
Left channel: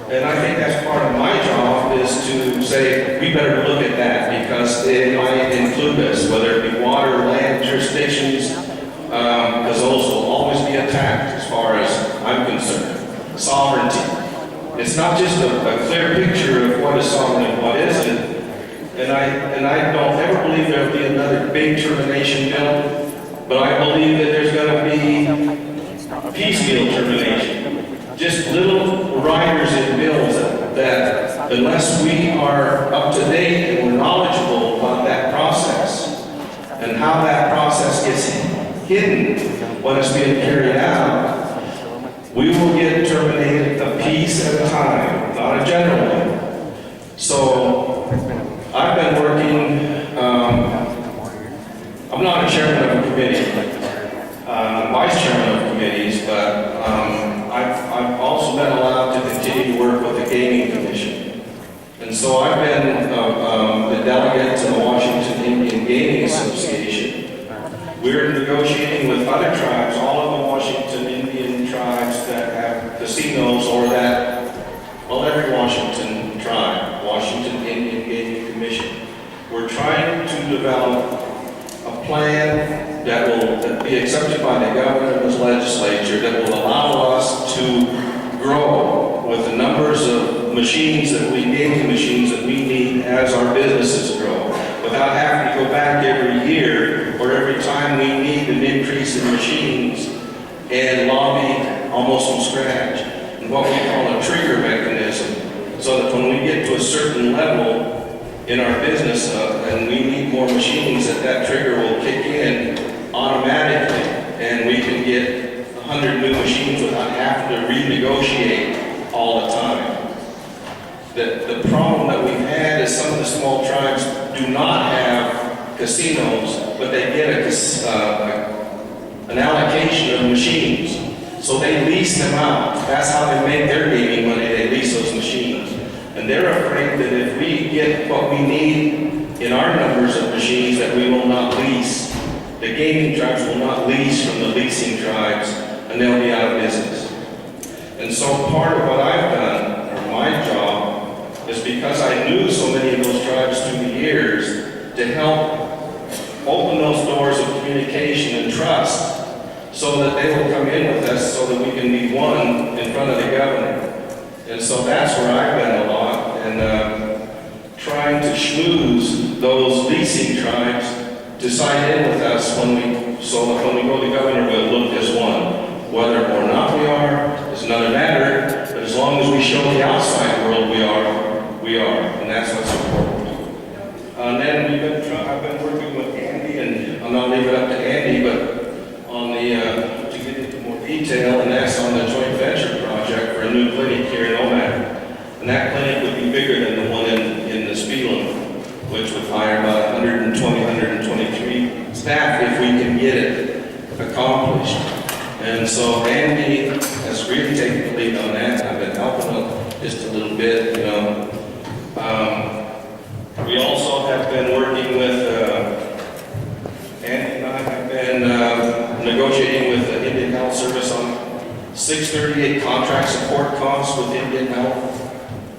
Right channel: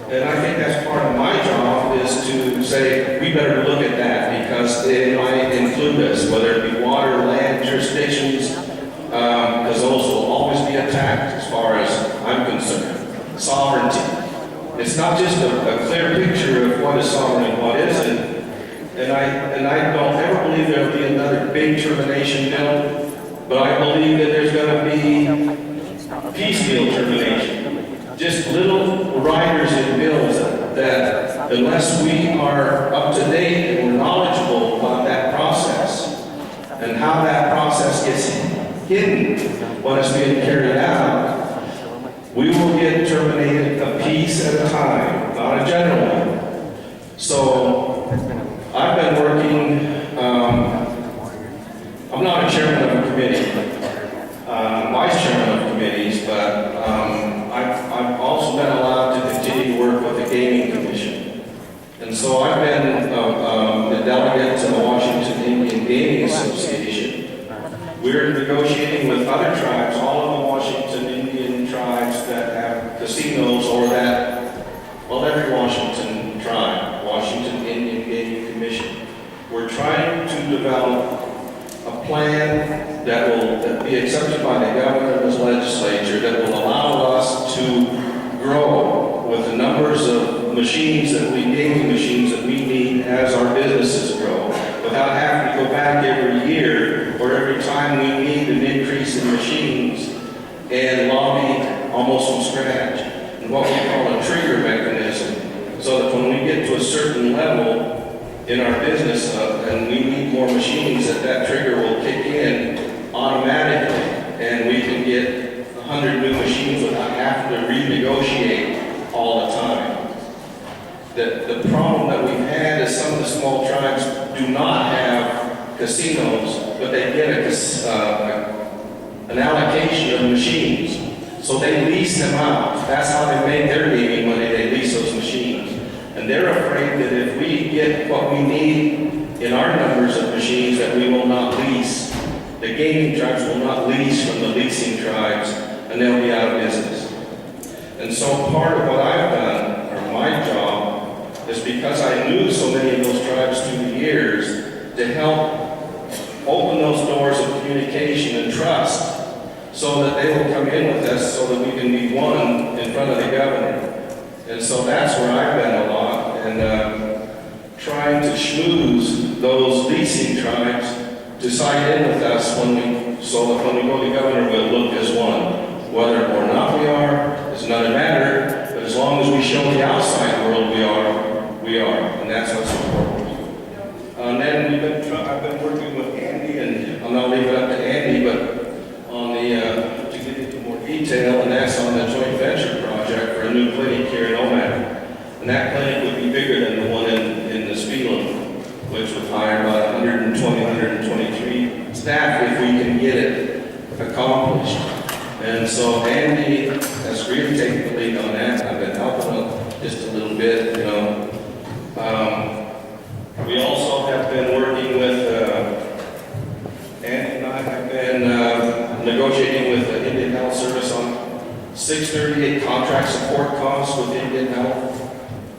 and I think that's part of my job, is to say we better look at that because it might include us, whether it be water, land, jurisdictions, because those will always be attacked as far as I'm concerned. Sovereignty. It's not just a clear picture of what is sovereign and what isn't. And I don't ever believe there will be another big termination bill, but I believe that there's going to be piecemeal termination. Just little riders in bills that unless we are up to date and we're knowledgeable about that process and how that process gets hidden when it's being carried out, we will get terminated a piece at a time, not a general one. So I've been working, I'm not a chairman of a committee, vice chairman of committees, but I've also been allowed to continue to work with the Gaming Commission. And so I've been the delegate to the Washington Indian Gaming Association. We're negotiating with other tribes, all of the Washington Indian tribes that have casinos or that, well, every Washington tribe, Washington Indian Gaming Commission. We're trying to develop a plan that will be accepted by the governor and his legislature that will allow us to grow with the numbers of machines that gaming machines that we need as our businesses grow, without having to go back every year or every time we need an increase in machines and lobby almost from scratch. And what we call a trigger mechanism. so that when we get to a certain level in our business and we need more machines, that trigger will kick in automatically, and we can get 100 new machines without having to renegotiate all the time. The problem that we've had is some of the small tribes do not have casinos, but they get an allocation of machines. So they lease them out. That's how they make their gaming money. They lease those machines. And they're afraid that if we get what we need in our numbers of machines, that we will not lease. The gaming tribes will not lease from the leasing tribes, and they'll be out of business. And so part of what I've done, or my job, is because I knew so many of those tribes through the years, to help open those doors of communication and trust, so that they will come in with us so that we can be one in front of the governor. And so that's where I've been a lot, and trying to schmooze those leasing tribes to sign in with us so that when we go to the governor, we'll look as one. Whether or not we are is another matter, but as long as we show the outside world we are, and that's what's important. And then I've been working with Andy, and I'll not leave it up to Andy, but on to get into more detail, and that's on the joint venture project for a new clinic here in Omaha. And that clinic would be bigger than the one in the Spelund, which would hire about 120, 123 staff if we can get it accomplished. And so Andy has really taken the lead on that. I've been helping him just a little bit, you know. We also have been working with, Andy and I have been negotiating with the Indian Health Service on 638 contract support costs with Indian Health,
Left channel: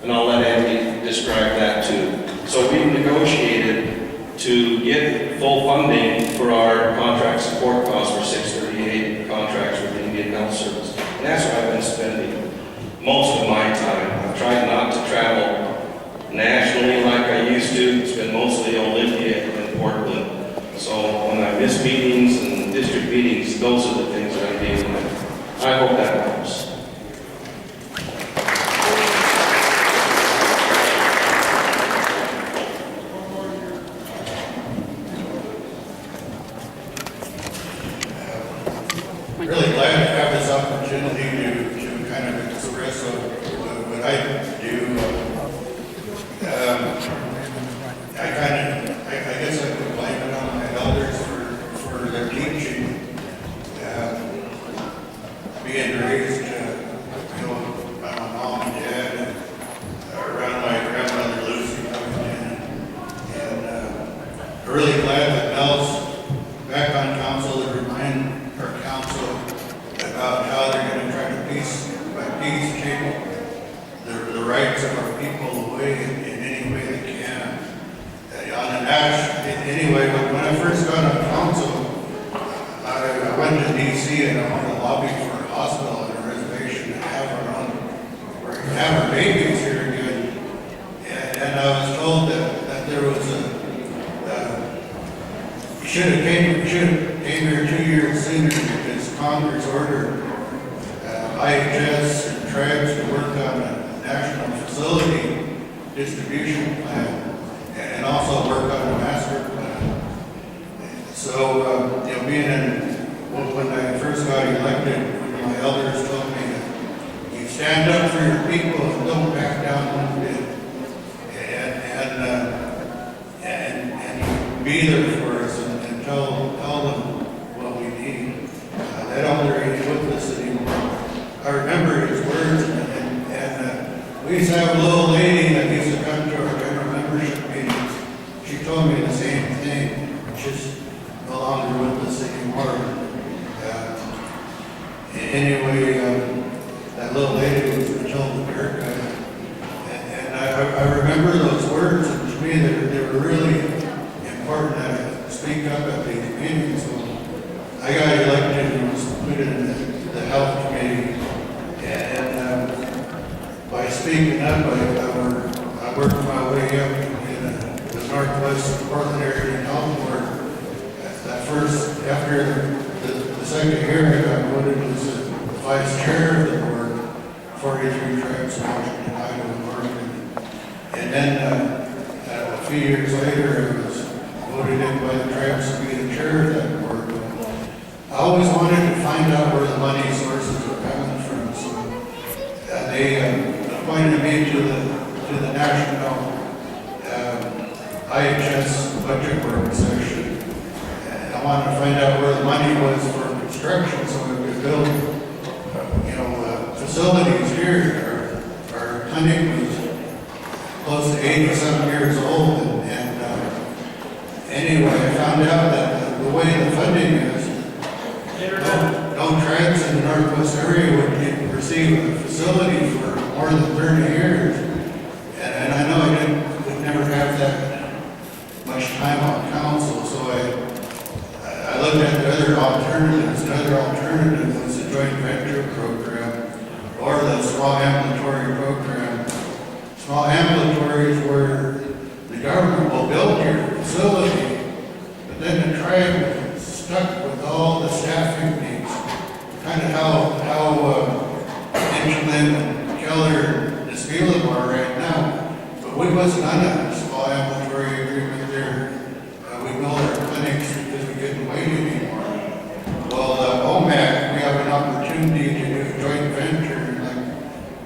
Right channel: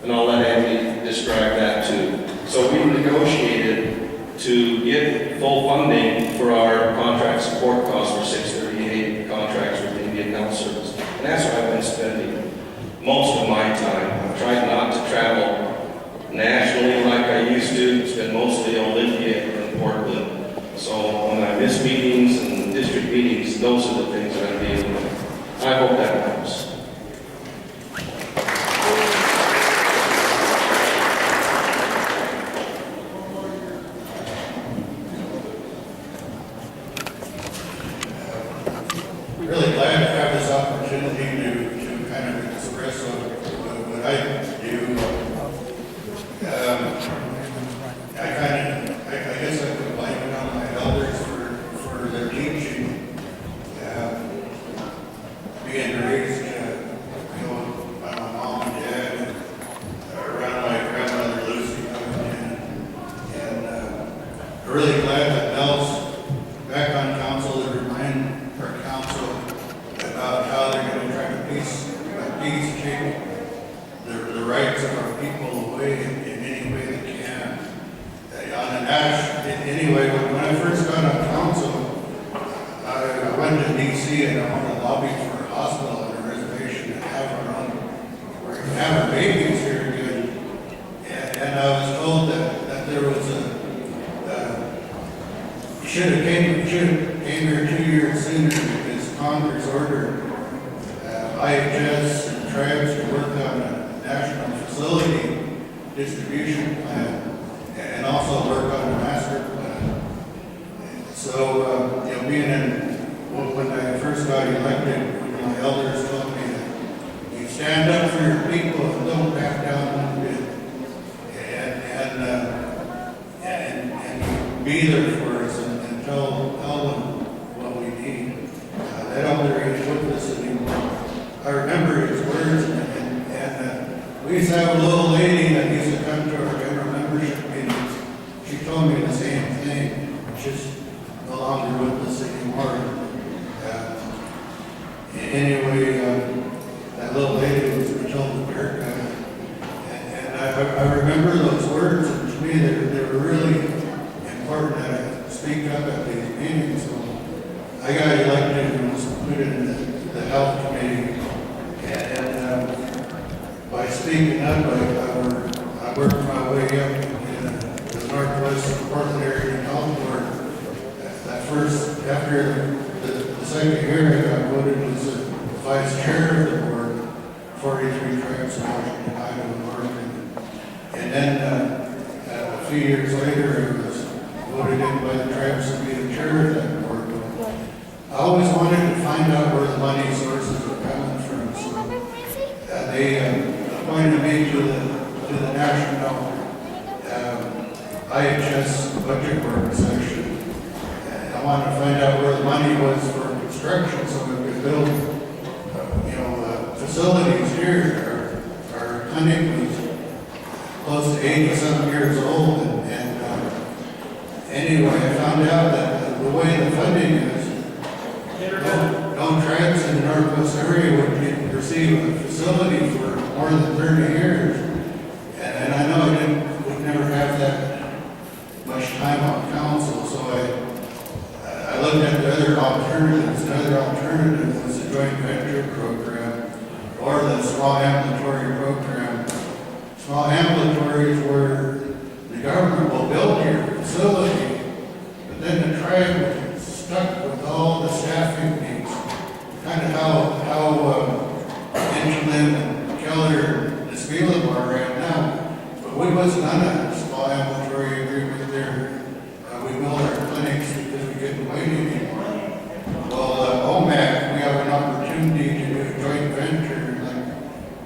and I'll let Andy describe that too. So we've negotiated to get full funding for our contract support costs for 638 contracts with Indian Health Service. And that's where I've been spending most of my time. I've tried not to travel nationally like I used to. It's been mostly Olympia and Portland. So when I miss meetings and district meetings, those are the things that I'm dealing with. I hope that helps. Really glad to have this opportunity to kind of express what I do. I guess I could blame it on my elders for their teaching. Being raised, by my mom and dad, around my grandmother Lucy coming in. And really glad that Nels back on council to remind our council about how they're going to try to peace treat the rights of our people away in any way they can. Anyway, when I first got on council, I went to D.C. and I wanted to lobby for a hospital and a reservation to have our babies here again. And I was told that there was should have came here 2 years sooner because Congress ordered IHS and tribes to work on a national facility distribution plan and also work on a master plan. So, when I first got elected, my elders told me that you stand up for your people and don't back down one bit. And be there for us and tell them what we need. That elder ain't with us anymore. I remember his words, and we used to have a little lady that used to come to our general membership meetings. She told me the same thing. She's no longer with us anymore. Anyway, that little lady was Matilda Bearcat. And I remember those words, and to me they were really important that I speak up at these meetings. So I got elected and was put in the health committee. And by speaking up, I worked my way up in the Northwest Portland area health board. After the second year, I got voted as the vice chair of the board, 43 tribes in Washington, Idaho, and Oregon. then a few years later, it was voted in by the tribes to be the chair of that board. I always wanted to find out where the money sources were coming from, so they appointed me to the national IHS budget work session. And I wanted to find out where the money was for construction, so we could build, facilities here. Our clinic was close to 80-some years old, and anyway, I found out that the way the funding is, no tribes in the Northwest area would receive a facility for more than 30 years. And I know would never have that much time on council, so I looked at the other alternatives. Another alternative was the joint venture program or the small ambulatory program. Small ambulatory is where the government will build your facility, but then the tribe is stuck with all the staffing needs. Kind of how Inchland and Keller and Nisquelam are right now. But we wasn't on a small ambulatory agreement there. We build our clinics because we couldn't wait anymore. Well, OMAC, we have an opportunity to do a joint venture, and like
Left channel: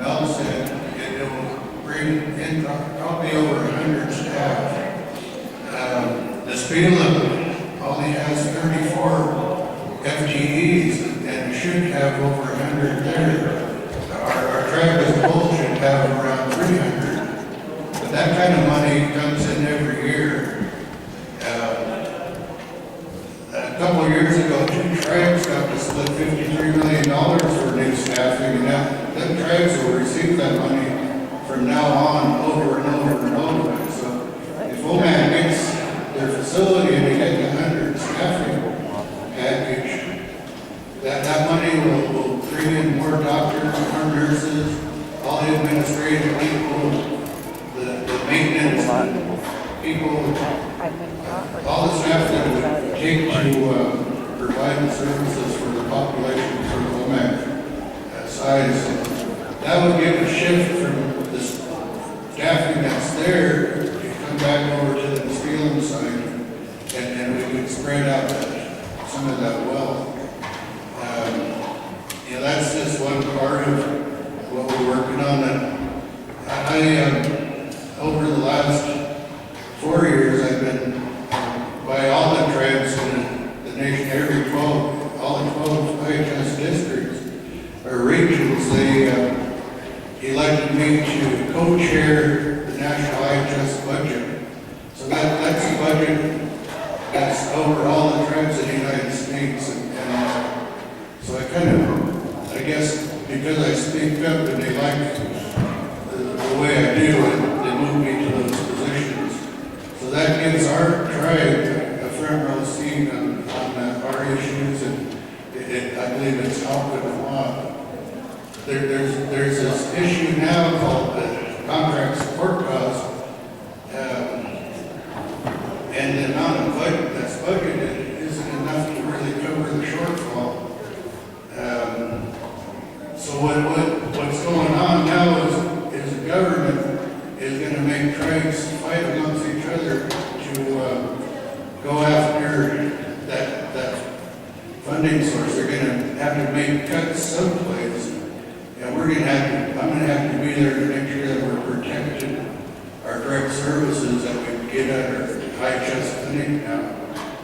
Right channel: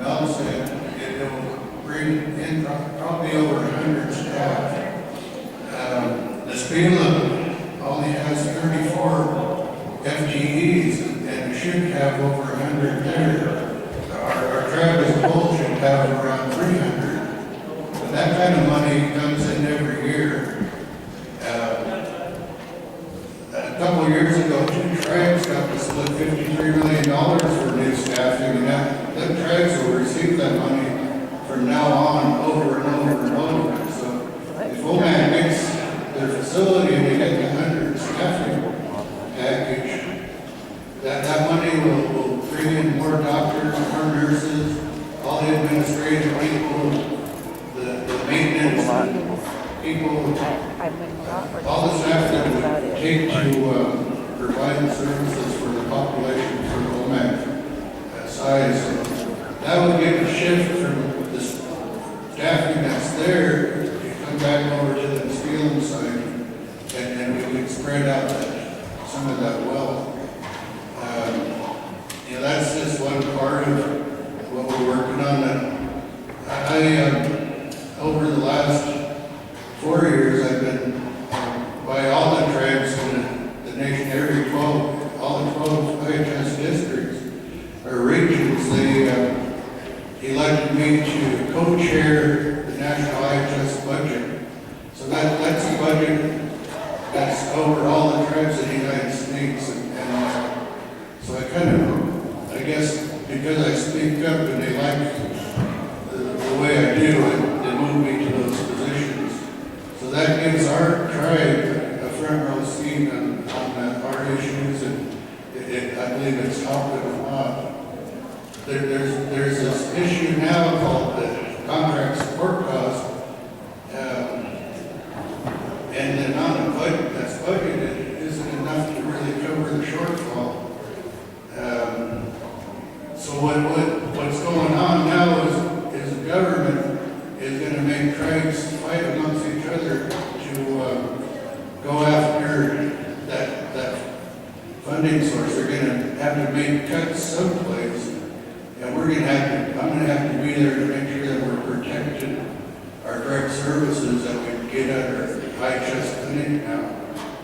Mel said, it will bring in probably over 100 staff. Nisquelam only has 34 FTEs, and it should have over 100 there. Our tribe as a whole should have around 300. But that kind of money comes in every year. A couple of years ago, 2 tribes got to split $53 million for new staffing, and them tribes will receive that money from now on over and over and over. So if OMAC gets their facility and they get the 100 staffing package, that money will bring in more doctors, more nurses, all the administrative people, the maintenance people, all the staff that would take to provide the services for the population for the OMAC size. That would give a shift from the staffing that's there to come back over to the Nisquelam side, and we could spread out some of that wealth. That's just one part of what we're working on. And over the last 4 years, I've been by all the tribes in the nation, all the 12 IHS districts or regions. They elected me to co-chair the national IHS budget. So that's a budget that's over all the tribes in the United States. And so I guess because I speak up and they like the way I do, they move me to those positions. So that gives our tribe a front row seat on our issues, and I believe it's helping a lot. There's this issue now called the contract support cost, and the amount of budget that's budgeted isn't enough to really cover the shortfall. So what's going on now is the government is going to make tribes fight amongst each other to go after that funding source. They're going to have to make cuts someplace, and I'm going to have to be there to make sure that we're protecting our direct services that we get at our IHS clinic now.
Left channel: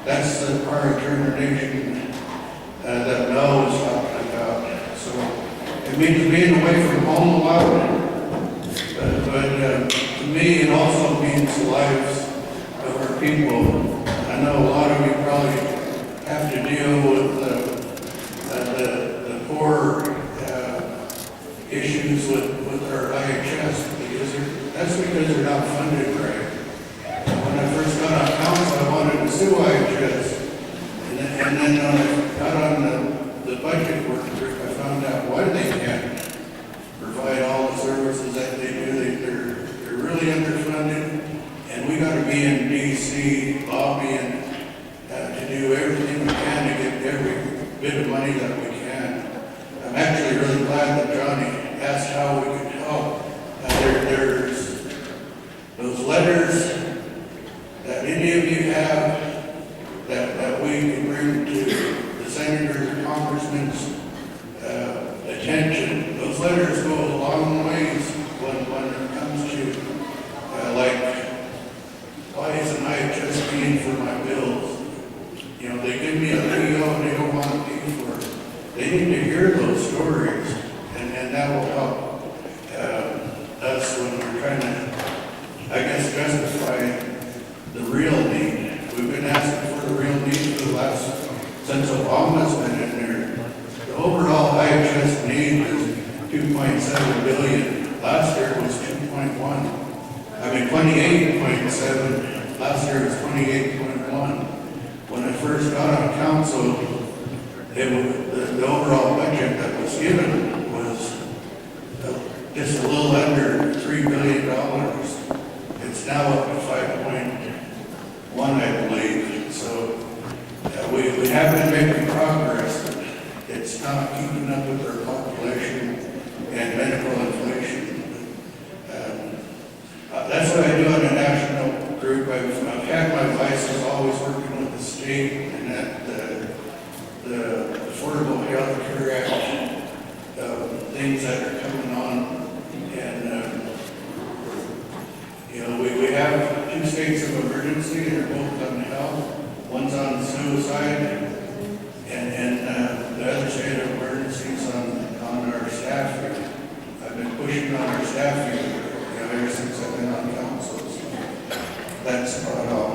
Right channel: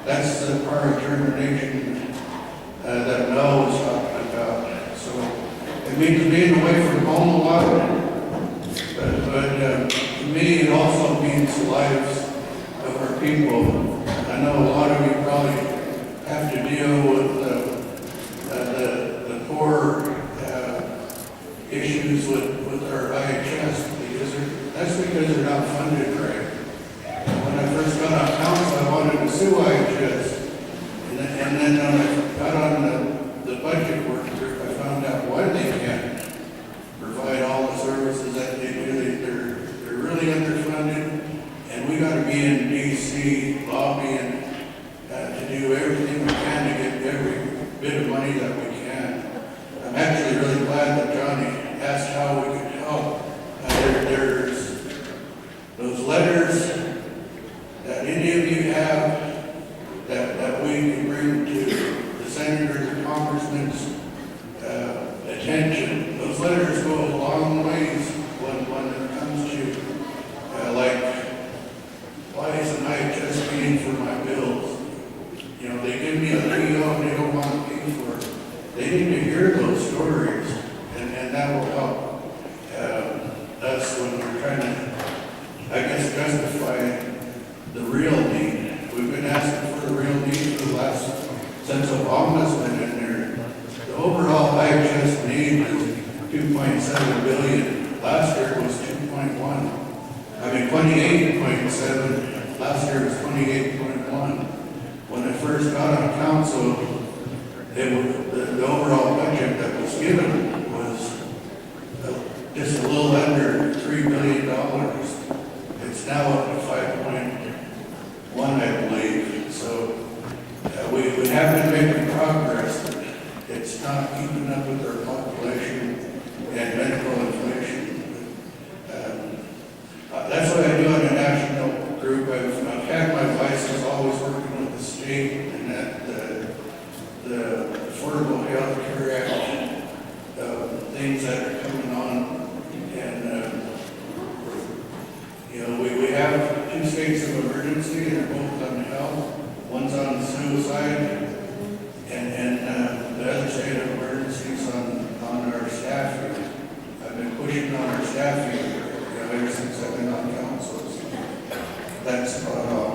That's the part of determination that Mel was talking about. So it means being away from home a lot, but to me it also means the lives of our people. I know a lot of you probably have to deal with the poor issues with our IHS that's because they're not funded right. When I first got on council, I wanted to sue IHS, and then when I got on the budget work group, I found out why they can't provide all the services that they do. They're really underfunded, and we got to be in D.C. lobbying to do everything we can to get every bit of money that we can. I'm actually really glad that Johnny asked how we could help. There's the letters go a long ways when it comes to, like, why isn't I just paying for my bills? You know, they give me a PO and they don't want to pay for it. They need to hear those stories, and that will help us when we're trying to, I guess, justify the real need. We've been asking for the real need for the last, since Obama's been in there. The overall IHS need is 2.7 billion. Last year it was 2.1. I mean, 28.7. Last year it was 28.1. When I first got on council, the overall budget that was given was just a little under $3 billion. It's now up to 5.1, I believe. So we have been making progress, but it's not keeping up with our population and medical inflation. That's what I do in a national group. I've had my license always working with the state and that the Affordable Health Care Act, things that are coming on. And, you know, we have 2 states of emergency. They're both on health. One's on suicide, and the other state of emergency is on our staff here. I've been pushing on our staff here, you know, ever since I've been on council. So that's about all.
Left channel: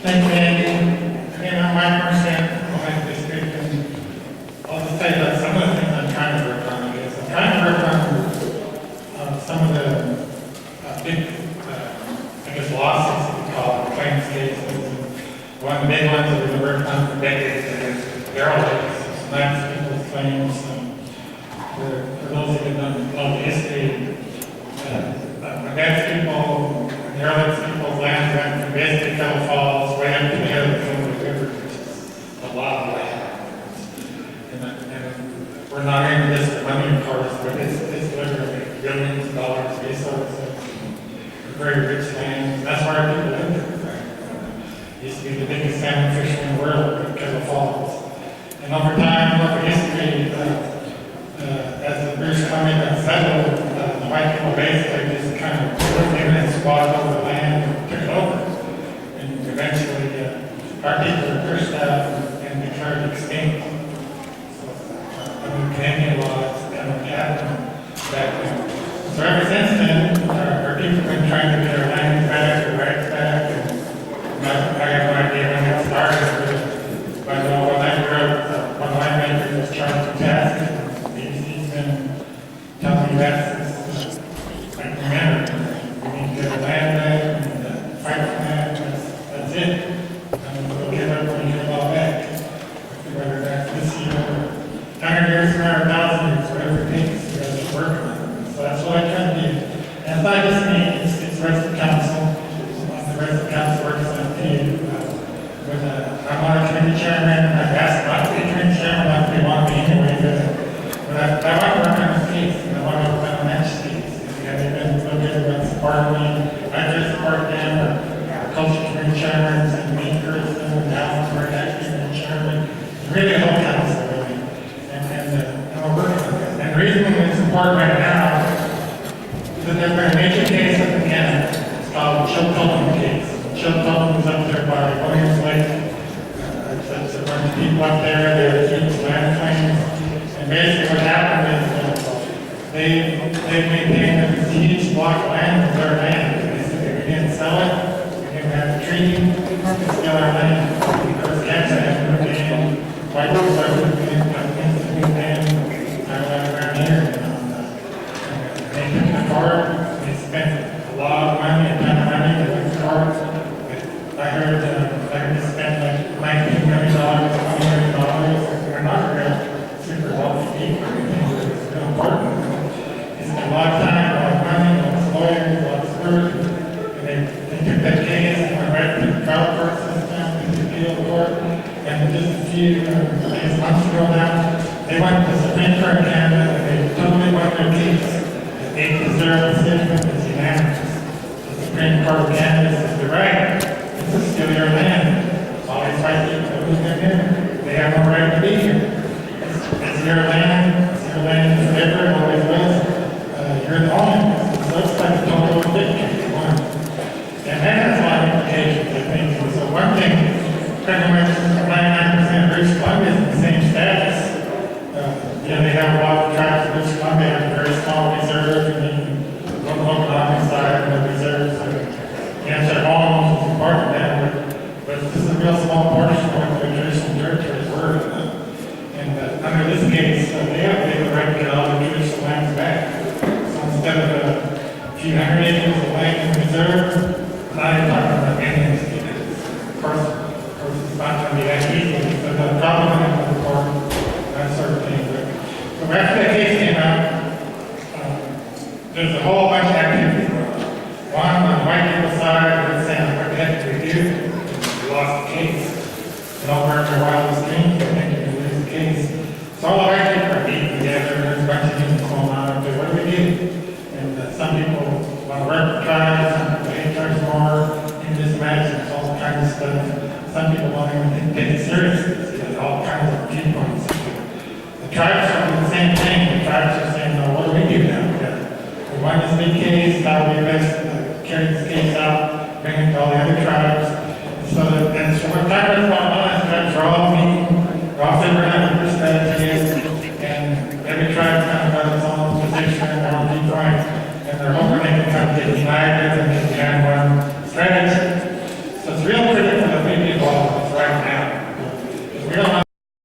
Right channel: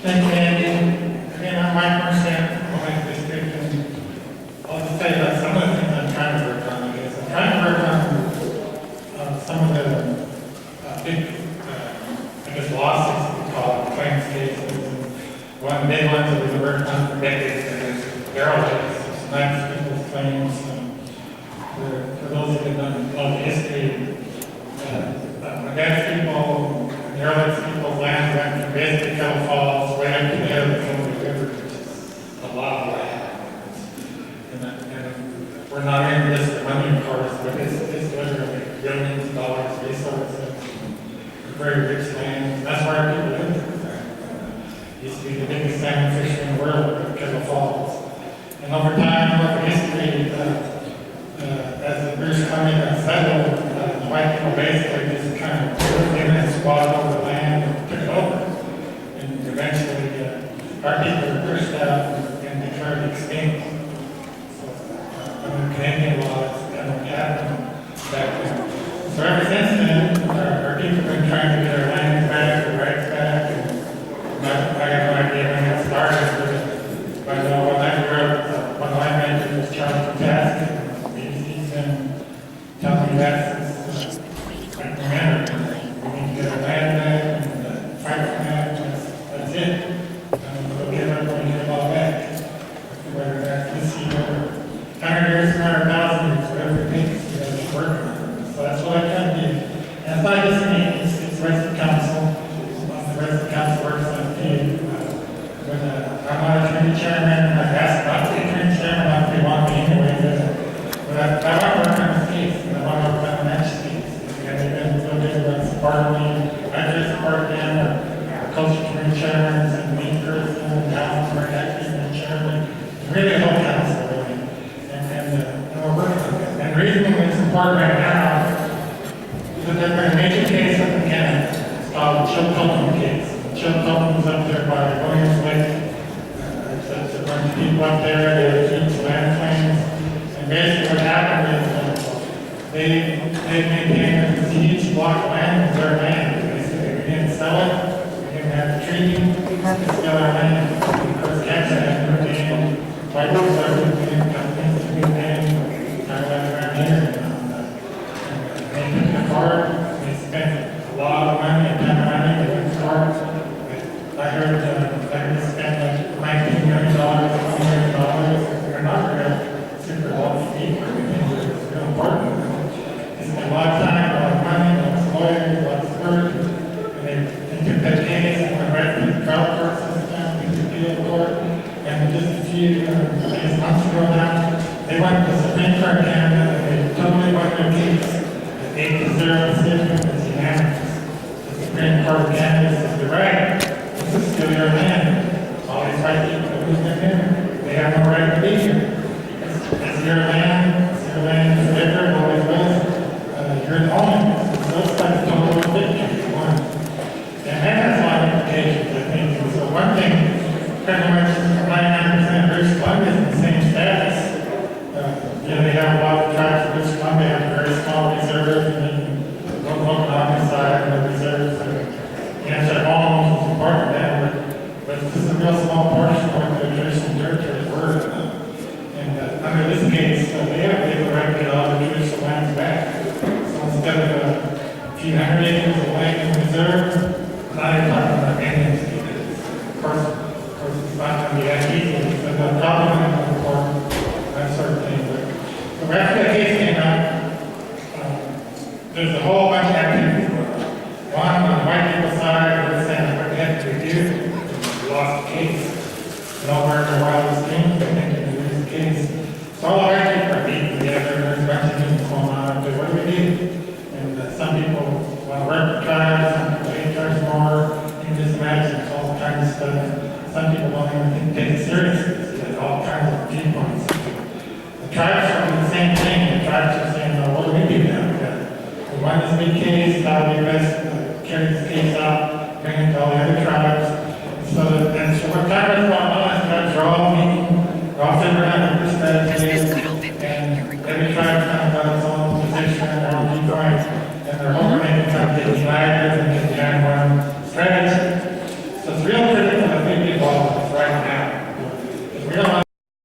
Thank you, Andy. Again, I'm Mike Mercer, Ohio District, and I'll just say that some of the things I'm trying to work on is I'm trying to work on some of the big, I guess, lawsuits we call it, claims cases. And one of the big ones that we've been working on for decades is derelict, nice people's claims. For those who don't know the history, against people, derelict people's land went from basically Kettle Falls way up to the head of the river, which is a lot of land. And we're not in this for money, of course, but it's literally billions of dollars resources, very rich land. That's where people live there. Used to be the biggest salmon fishery in the world, Kettle Falls. And over time, over history, as the British Columbia got settled, the white people basically just kind of moved in and squatted over the land and took it over. And eventually, our people were pushed out and declared extinct. So, under Canadian law, it's kind of happened back then. So ever since then, our people have been trying to get our land back, our rights back. And I have no idea when it started, but I know when I grew up, one winemaker was Charles Fantastic. He's been telling me that since I can remember. We need to get our land back and fight for that. That's it. We'll give everybody here all back. Whether that's this year, 100 years, 100,000 years, whatever it takes, we gotta keep working on it. So that's what I kind of do. And it's not just me, it's the rest of the council. The rest of the council works on it. I'm not a committee chairman, I've asked not to be a committee chairman, not to want me anyway, but I want to work on the states, and I want to work on the next states. And they've been so good about supporting me. I just support them, our culture committee chairman, and me person, and Alan for actually being chairman. Really the whole council, really. And we're working on it. And the reason it's important right now is that there's been a major case up in Canada. It's called the Chilcotin case. Chilcotin is up there by Williams Lake. There's a bunch of people up there, they have huge land claims. And basically what happened is they maintained this huge block of land as their land. They said we didn't sell it, we didn't have the treaty, it's still our land. Because Canada had moved in, white people are moving in, companies to move in, kind of like around here. And they took it apart, they spent a lot of money, a ton of money, they went to court. I heard they spent like $19 million, $20 million. They're not real super wealthy people. It's real important. They spent a lot of time, a lot of money, lots of lawyers, lots of work. And they took that case and went right through the trial court system, through the appeal court. And just a few months ago now, they went to the Supreme Court of Canada and they totally won their case. 8-0 decision is unanimous. The Supreme Court of Canada says, you're right. This is still your land. All these white people activities, so the government report, that sort of thing. But after that case came out, there's a whole bunch of activities. One on the white people's side was saying, what the heck did we do? We lost the case. Nowhere in the wildest dreams, I think we lose the case. So all the white people are meeting together, there's a bunch of people going on, but what do we do? And some people want to work with tribes, some people hate tribes more, you can just imagine, there's all kinds of stuff. Some people don't even take it seriously, there's all kinds of viewpoints. The tribes are doing the same thing, the tribes are saying, well, what do we do now? We won this big case, how do we best carry this case out, bring it to all the other tribes. So that's what kind of going on, tribes are all meeting, they're all figuring out what this is, and every tribe's kind of got its own position and their own viewpoint, and they're hoping they can kind of get united and get behind one strategy. So it's real critical that we be involved with this right now. Because we don't